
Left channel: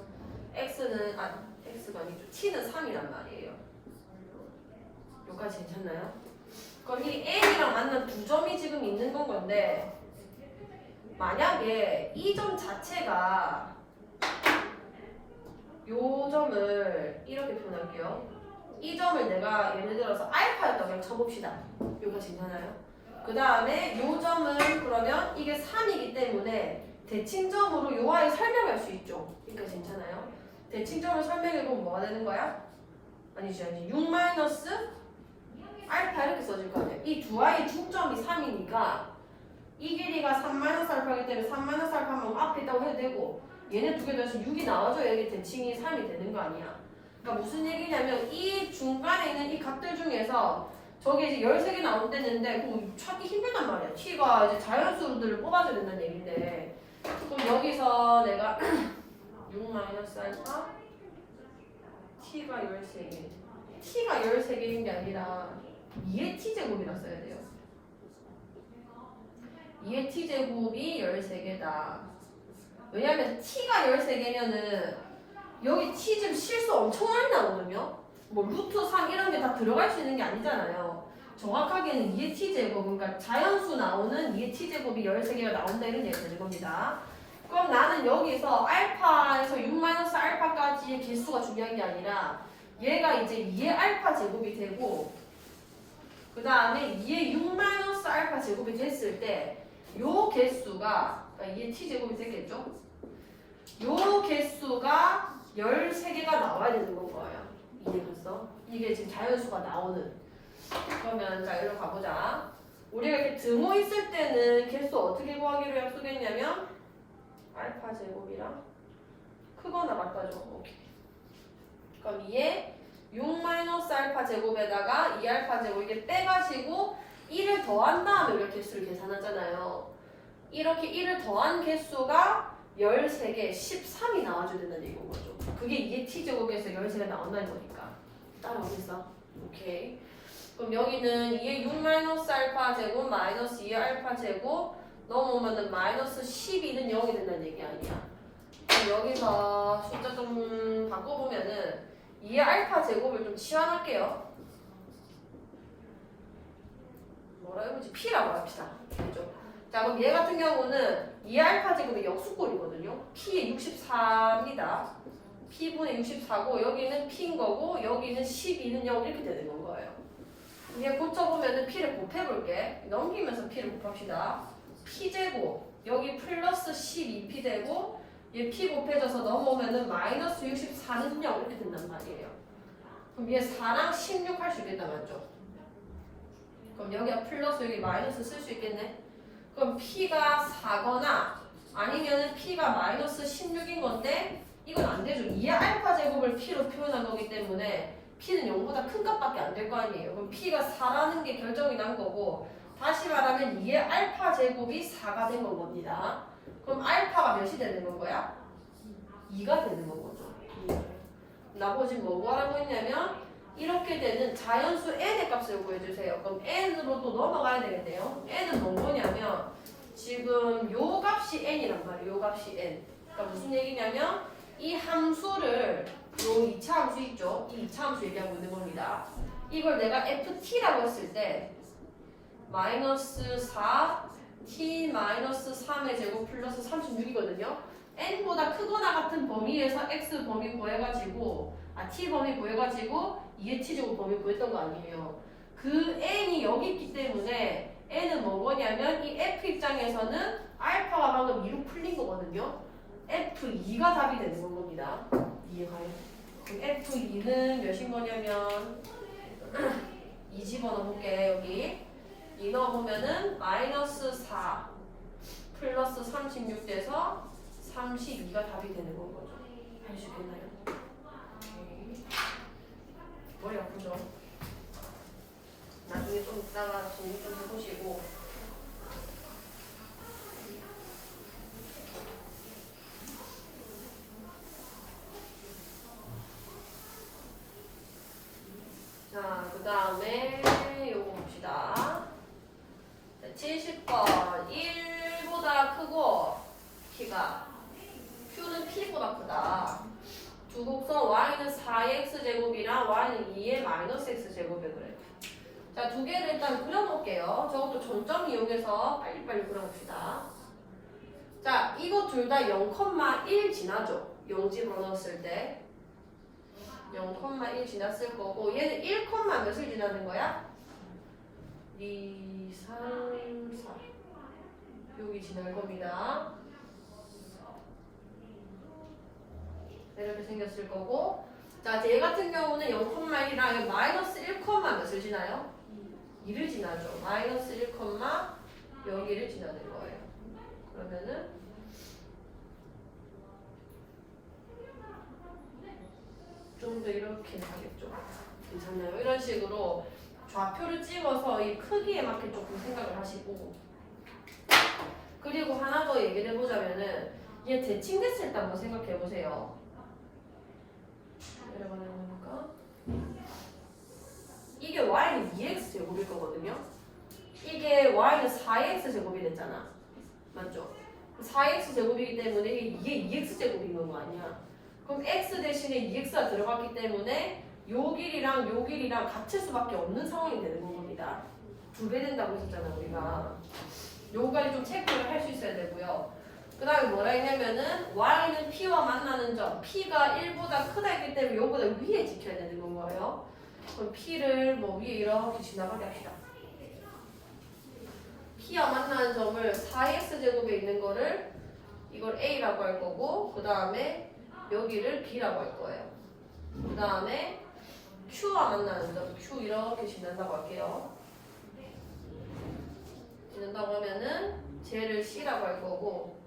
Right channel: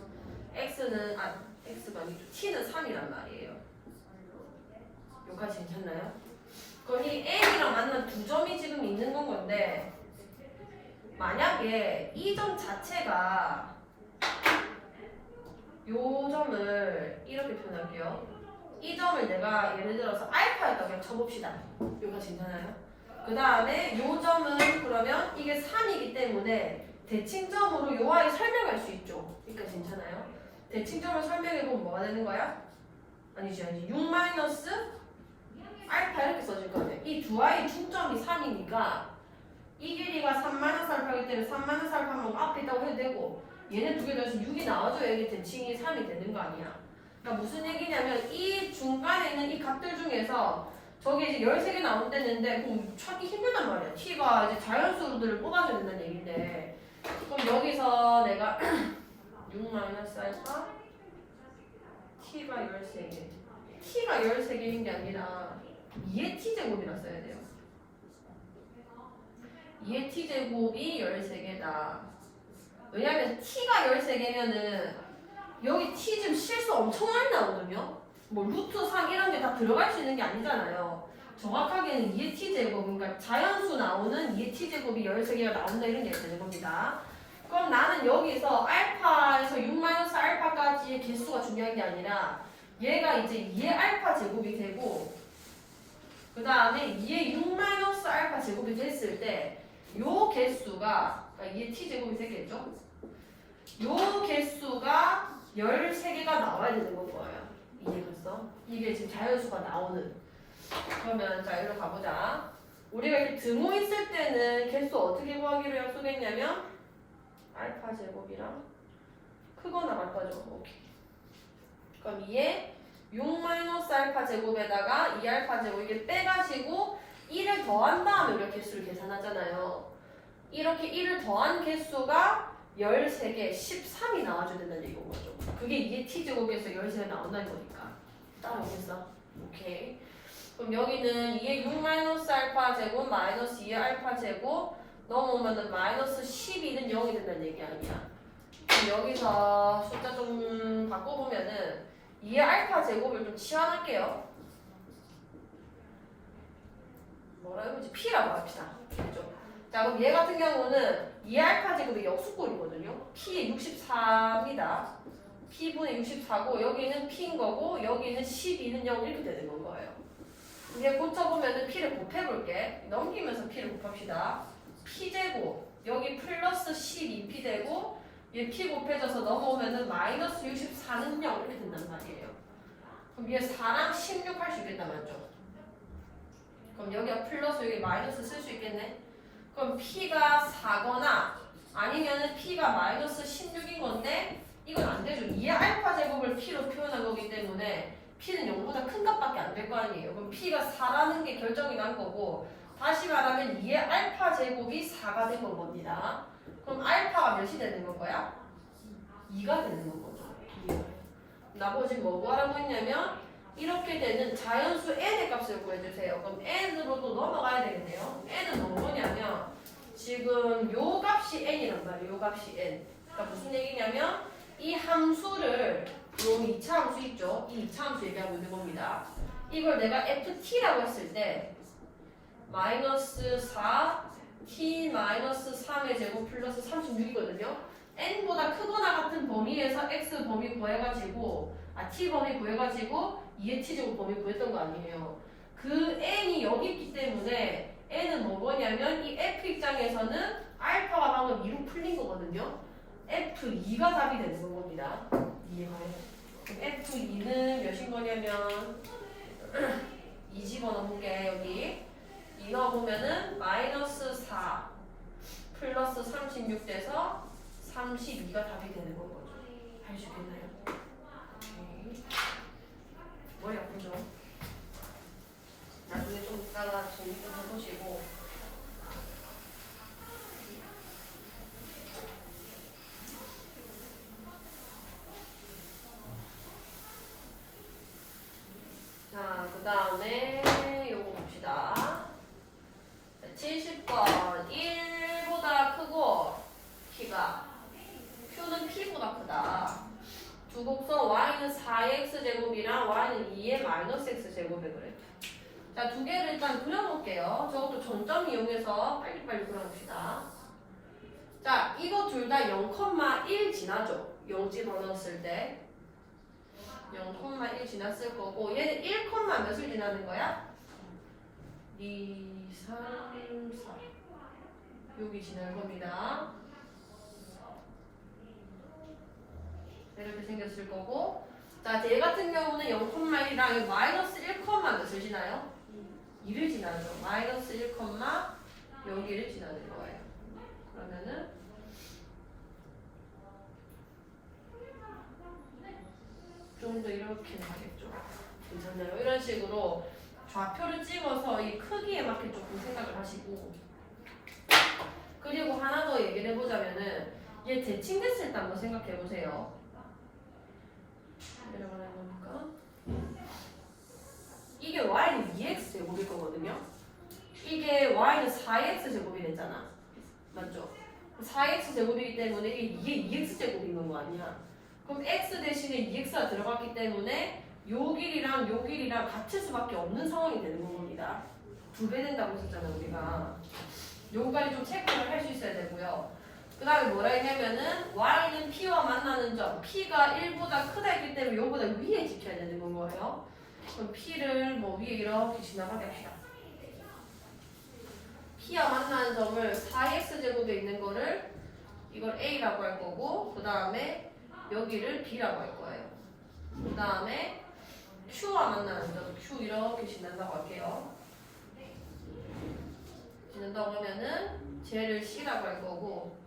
x는 x가 아니죠. t는 3이란 말이에요. 여기까지 괜찮나요? 그럼 이 n이랑 만난 두 점이 지금 있는 건 건데 만약에 이 점 자체가 요 점을 이렇게 표현할게요. 이 점을 내가 예를 들어서 알파에다 그냥 쳐봅시다. 여기까지 괜찮아요? 그 다음에 요 점은 그러면 이게 3이기 때문에 대칭점으로 요 아이 설명할 수 있죠. 여기까지 괜찮아요? 대칭점을 설명해보면 뭐가 되는 거야? 아니지 6 마이너스 알파 이렇게 써질 거 아니야. 이 두 아이 중점이 3이니까 이 길이가 3 마이너스 알파이기 때문에 3 마이너스 알파면 앞에 있다고 해도 되고 얘네 두 개 더해서 6이 나와줘야 이게 대칭이 3이 되는 거 아니야. 그러니까 무슨 얘기냐면 이 중간에 있는 이 값들 중에서 저게 이제 13개 나온다는데 그럼 찾기 힘들단 말이야. t가 이제 자연수들을 뽑아줘야 된다는 얘긴데 그럼 여기서 내가 6 마이너스 알파 t가 13개 t가 13개인 게 아니라 2의 t제곱이라 써야 돼요. 2의 t제곱이 13개다. 왜냐면 t가 13개면은 여기 t 지금 실수 엄청 많이 나오거든요. 뭐 루트 3 이런 게 다 들어갈 수 있는 게 아니잖아요. 정확하게는 2의 t제곱, 그러니까 자연수 나오는 2의 t제곱이 13개가 나온다 이런 얘기가 되는 겁니다. 그럼 나는 여기서 알파에서 6 마이너스 알파까지의 개수가 중요한 게 아니라 얘가 이제 2의 알파 제곱이 되고 그 다음에 2의 6 마이너스 알파 제곱이 됐을 때 요 개수가 그러니까 2의 t제곱이 되겠죠? 요 개수가 13개가 나와야 되는 건 거예요. 이해됐어? 이게 지금 자연수가 나오는. 그러면 자 여기로 가보자. 우리가 이렇게 등호 있을 때는 개수 어떻게 구하기로 약속했냐면 알파 제곱이랑 크거나 같다죠. 오케이. 그럼 2에 6 마이너스 알파 제곱에다가 2 알파 제곱 이게 빼가지고 1을 더한 다음에 우리가 개수를 계산하잖아요. 이렇게 1을 더한 개수가 13개, 13이 나와줘야 된다는 얘기인 거죠. 그게 이게 t제곱에서 13개 나온다는 거니까. 따라오겠어? 오케이. 그럼 여기는 2의 6 마이너스 알파 제곱 마이너스 2의 알파 제곱 넘어오면은 마이너스 12는 0이 된다는 얘기 아니야. 그럼 여기서 숫자 좀 바꿔보면은 2의 알파 제곱을 좀 치환할게요. 뭐라 해보지? P라고 합시다. 그죠? 자, 그럼 얘 같은 경우는 2의 알파 제곱이 역수꼴이거든요. P의 64입니다. P분의 64고 여기는 P인 거고 여기는 12는 0 이렇게 되는 건 거예요. 이제 고쳐보면은 P를 곱해볼게. 넘기면서 P를 곱합시다. P제곱 여기 플러스 12P 되고 얘 P 곱해져서 넘어오면은 마이너스 64는 0 이렇게 된단 말이에요. 그럼 얘 4랑 16 할 수 있겠다 맞죠? 그럼 여기가 플러스 여기 마이너스 쓸 수 있겠네. 그럼 P가 4거나 아니면은 P가 마이너스 16인 건데 이건 안 되죠. 2의 알파 제곱을 P로 표현한 거기 때문에 P는 0보다 큰 값밖에 안 될 거 아니에요. 그럼 P가 4라는 게 결정이 난 거고 다시 말하면 2의 알파 제곱이 4가 된 건 겁니다. 그럼 알파가 몇이 되는 건 거야? 2가 되는 건 거죠. 나머지 뭐 구하라고 했냐면 이렇게 되는 자연수 n의 값을 구해주세요. 그럼 n으로 또 넘어가야 되겠네요. n은 뭐냐면 지금 요 값이 n이란 말이에요. 요 값이 n. 그러니까 무슨 얘기냐면 이 함수를 요 2차 함수 있죠? 이 2차 함수 얘기하고 있는 겁니다. 이걸 내가 ft라고 했을 때 마이너스 4 t 마이너스 3의 제곱 플러스 36이거든요. n보다 크거나 같은 범위에서 x 범위 구해가지고 t 범위 구해가지고 2의 t제곱 범위 구했던 거 아니에요. 그 n이 여기 있기 때문에 n은 뭐냐면 이 f 입장에서는 알파가 방금 2로 풀린 거거든요. F2가 답이 되는 건 겁니다. 이해가요? 그럼 F2는 몇인 거냐면 2 집어넣어볼게. 여기 2 넣어보면은 마이너스 4 플러스 36 돼서 32가 답이 되는 건 거죠. 할 수 있겠나요? 오케이. 머리 아프죠? 나중에 좀 이따가 정리 좀 해보시고 자, 그 다음에 요거 봅시다. 70번 1보다 크고 P가 Q는 P보다 크다. 두 곡선 Y는 4x 제곱이랑 Y는 2의 마이너스 x 제곱에 그래. 자, 두 개를 일단 그려볼게요. 저것도 점점 이용해서 빨리빨리 그려봅시다. 자, 이거 둘 다 0,1 지나죠? 0 집어넣었을 때 0,1 지났을 거고 얘는 1, 몇을 지나는 거야? 2, 3, 4 여기 지날 겁니다. 이렇게 생겼을 거고 자, 얘 같은 경우는 0,1이랑 마이너스 1, 몇을 지나요? 2를 지나죠. 마이너스 1, 여기를 지나는 거예요. 그러면은 좀 더 이렇게 가겠죠. 괜찮나요? 이런 식으로 좌표를 찍어서 이 크기에 맞게 조금 생각을 하시고 그리고 하나 더 얘기를 해보자면은 얘 대칭됐을 때 한번 생각해 보세요. 내려가는 거니까 이게 y는 2x 제곱일 거거든요. 이게 y는 4x 제곱이 됐잖아. 맞죠? 4x 제곱이기 때문에 이게 2x 제곱인 거 아니야. 그럼 x 대신에 2x가 들어갔기 때문에 요 길이랑 요 길이랑 같을 수밖에 없는 상황이 되는 겁니다. 2배 된다고 했었잖아 우리가. 요거까지 좀 체크를 할 수 있어야 되고요. 그 다음에 뭐라 했냐면은 y는 p와 만나는 점 p가 1보다 크다 했기 때문에 요거보다 위에 지켜야 되는 건 거예요. 그럼 p를 뭐 위에 이렇게 지나가게 합시다. p와 만나는 점을 4x 제곱에 있는 거를 이걸 a라고 할 거고 그 다음에 여기를 b라고 할 거예요. 그 다음에 q와 만나는 점 q 이렇게 지난다고 할게요. 지난다고 하면은 쟤를 c라고 할 거고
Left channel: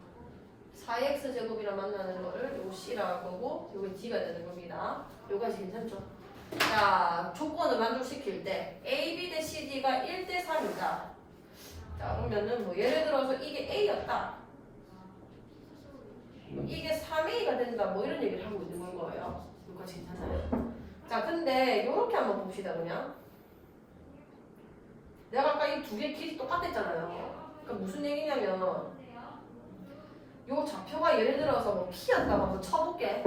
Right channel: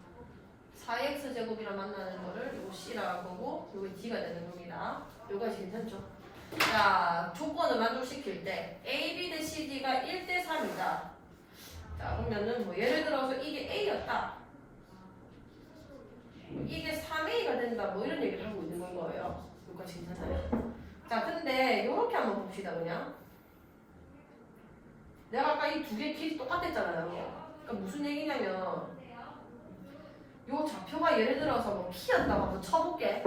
4x 제곱이랑 만나는 거를 요 c라고 할 거고 요게 d가 되는 겁니다. 요까지 괜찮죠? 자, 조건을 만족시킬 때 a, b 대 c, d가 1대 3이다. 자, 그러면은 뭐 예를 들어서 이게 A였다. 이게 3A가 된다. 뭐 이런 얘기를 하고 있는 건 거예요. 여기까지 괜찮아요? 자, 근데 요렇게 한번 봅시다, 그냥. 내가 아까 이 두 개 길이 똑같았잖아요. 그러니까 무슨 얘기냐면 요 좌표가 예를 들어서 뭐 P였다고 한번 쳐볼게.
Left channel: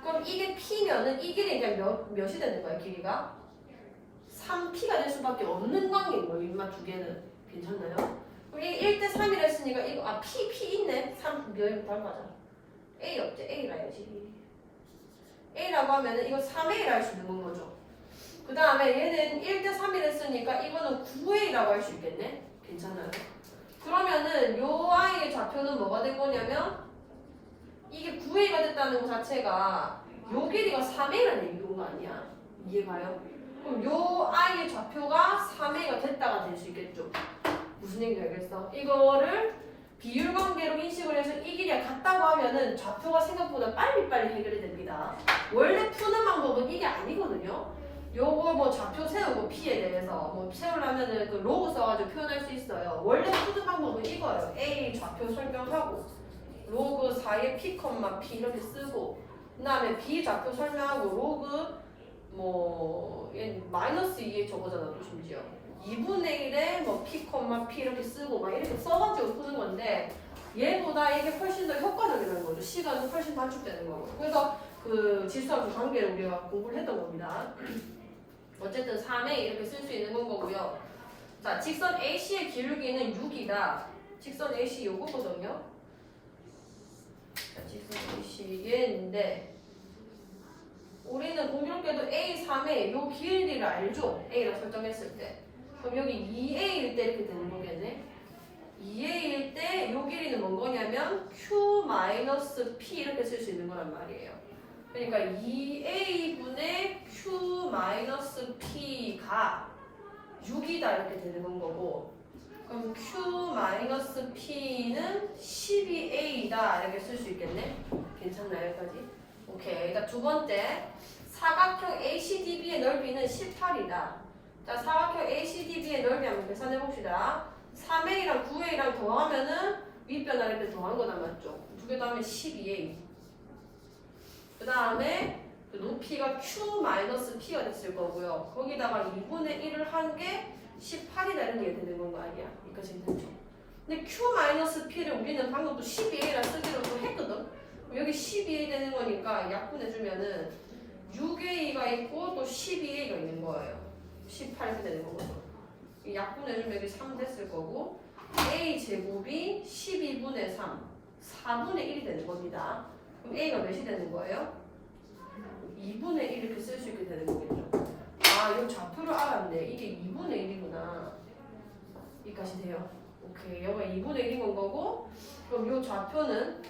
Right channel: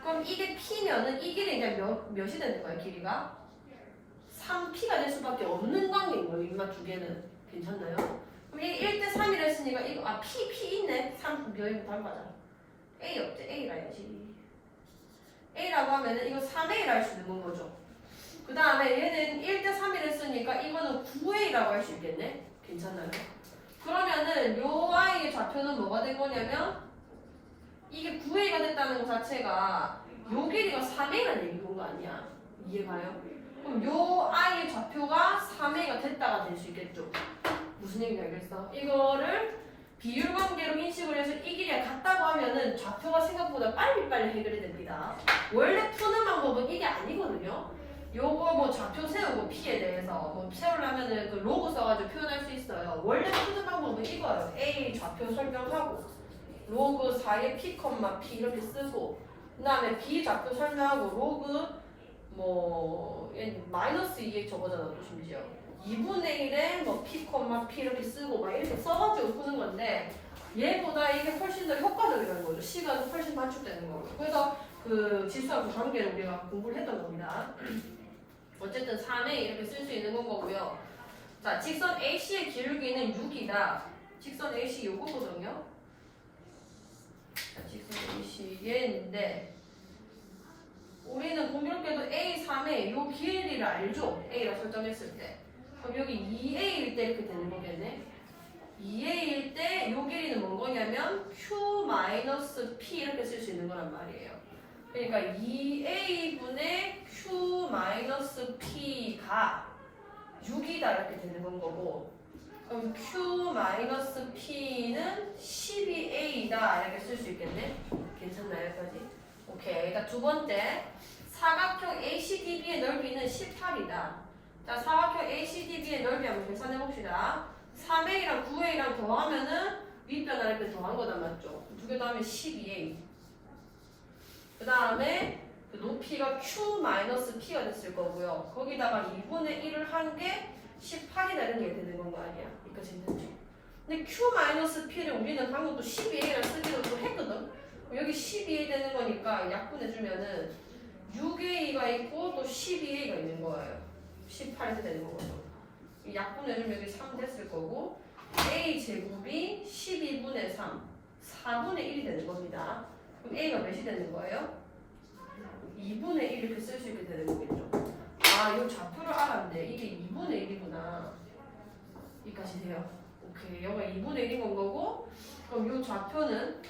그럼 이게 P면은 이 길이 이제 몇이 되는 거야, 길이가? 3P가 될 수밖에 없는 관계인 거예요, 인마 두 개는. 괜찮나요? 그럼 이게 1대 3이라 했으니까 이거 P 있네. 3 몇이부터 한 거죠. A 없지? A라 해야지. A라고 하면은 이거 3A라 할 수 있는 거죠. 그 다음에 얘는 1대 3이라 했으니까 이거는 9A라고 할 수 있겠네. 괜찮나요? 그러면은 요 I의 좌표는 뭐가 된 거냐면 이게 9A가 됐다는 것 자체가 요 길이가 3A라는 얘기인 거 아니야. 이해가요? 그럼 요 I의 좌표가 3A가 됐다가 될 수 있겠죠. 무슨 얘기인지 알겠어? 이거를 비율 관계로 인식을 해서 이 길이가 같다고 하면은 좌표가 생각보다 빨리빨리 해결이 됩니다. 원래 푸는 방법은 이게 아니거든요. 요거 뭐 좌표 세우고 P에 대해서 뭐 세우려면은 그 로그 써가지고 표현할 수 있어요. 원래 푸는 방법은 이거예요. A 좌표 설명하고 로그 4에 P, P 이렇게 쓰고 그 다음에 B 좌표 설명하고 로그 뭐 얘 마이너스 2에 저거잖아 또 심지어 2분의 1에 뭐 P, P 이렇게 쓰고 막 이렇게 써가지고 푸는 건데 얘보다 이게 훨씬 더 효과적이라는 거죠. 시간은 훨씬 단축되는 거고. 그래서 그 지수하고 관계를 우리가 공부를 했던 겁니다. 어쨌든 3에 이렇게 쓸 수 있는 건 거고요. 자, 직선 AC의 기울기는 6이다. 직선 AC 요거거든요. 자, 직선 AC 얘인데 우리는 공교롭게도 A3에 요 길이를 알죠? A라 설정했을 때. 그럼 여기 2A일 때 이렇게 되는 거겠네. 2A일 때 요 길이는 뭔 거냐면 Q-P 이렇게 쓸 수 있는 거란 말이에요. 그러니까 2A분의 Q-P가 6이다 이렇게 되는 건 거고 그럼 Q-P는 12A다 이렇게 쓸 수 있겠네. 괜찮나요 여기까지? 오케이. 그러니까 두 번째 사각형 ACDB의 넓이는 18이다. 자, 사각형 ACDB의 넓이 한번 계산해 봅시다. 3A랑 9A랑 더하면은 윗변화 이렇게 더한 거다 맞죠? 두 개 더하면 12A. 그 다음에 그 높이가 Q-P가 됐을 거고요. 거기다가 2분의 1을 한 게 18이다 이런 게 되는 건 거 아니야? 여기까지 됐죠? 근데 Q-P를 우리는 방금 또 12A라 쓰기로 또 했거든? 여기 12A 되는 거니까 약분해주면은 6A가 있고 또 12A가 있는 거예요. 18이렇게 되는 거거든. 이 약분해주면 여기 3 됐을 거고 A 제곱이 12분의 3, 4분의 1이 되는 겁니다. 그럼 A가 몇이 되는 거예요? 2분의 1 이렇게 쓸 수 있게 되는 거겠죠. 아, 이 좌표를 알았네. 이게 2분의 1이구나. 여기까지 돼요. 오케이. 여기가 2분의 1인 건 거고 그럼 이 좌표는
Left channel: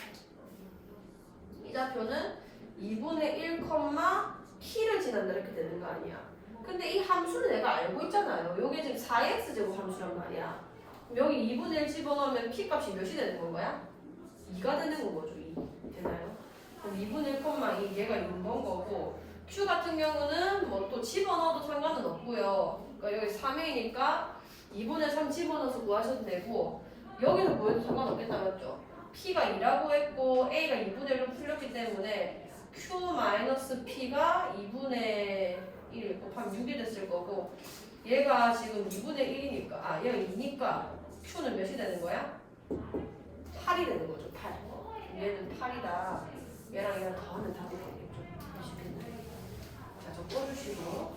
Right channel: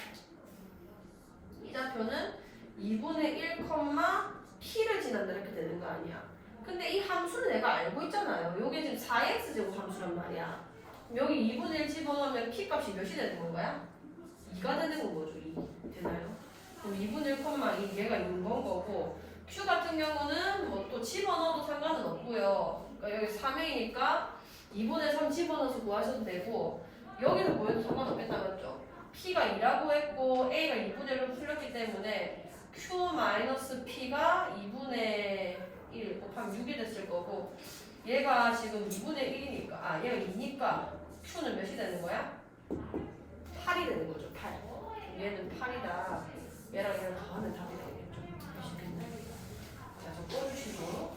이 좌표는 2분의 1, P를 지난다 이렇게 되는 거 아니야. 근데 이 함수를 내가 알고 있잖아요. 여기 지금 4x제곱 함수란 말이야. 여기 2분의 1 집어넣으면 P 값이 몇이 되는 건가요? 2가 되는 건 거죠. 2. 되나요? 그럼 2분의 1, 2 얘가 6번 거고 Q 같은 경우는 뭐 또 집어넣어도 상관은 없고요. 그러니까 여기 3A니까 2분의 3 집어넣어서 구하셔도 되고 여기서 보여도 상관없겠다 맞죠? P가 2라고 했고 A가 2분의 1로 풀렸기 때문에 Q-P가 2분의 1 곱하면 6이 됐을 거고 얘가 지금 2분의 1이니까 얘가 2니까 Q는 몇이 되는 거야? 8이 되는 거죠. 8. 얘는 8이다. 얘랑 더하면 답이 되겠죠. 아시겠나요? 자, 저 꺼주시고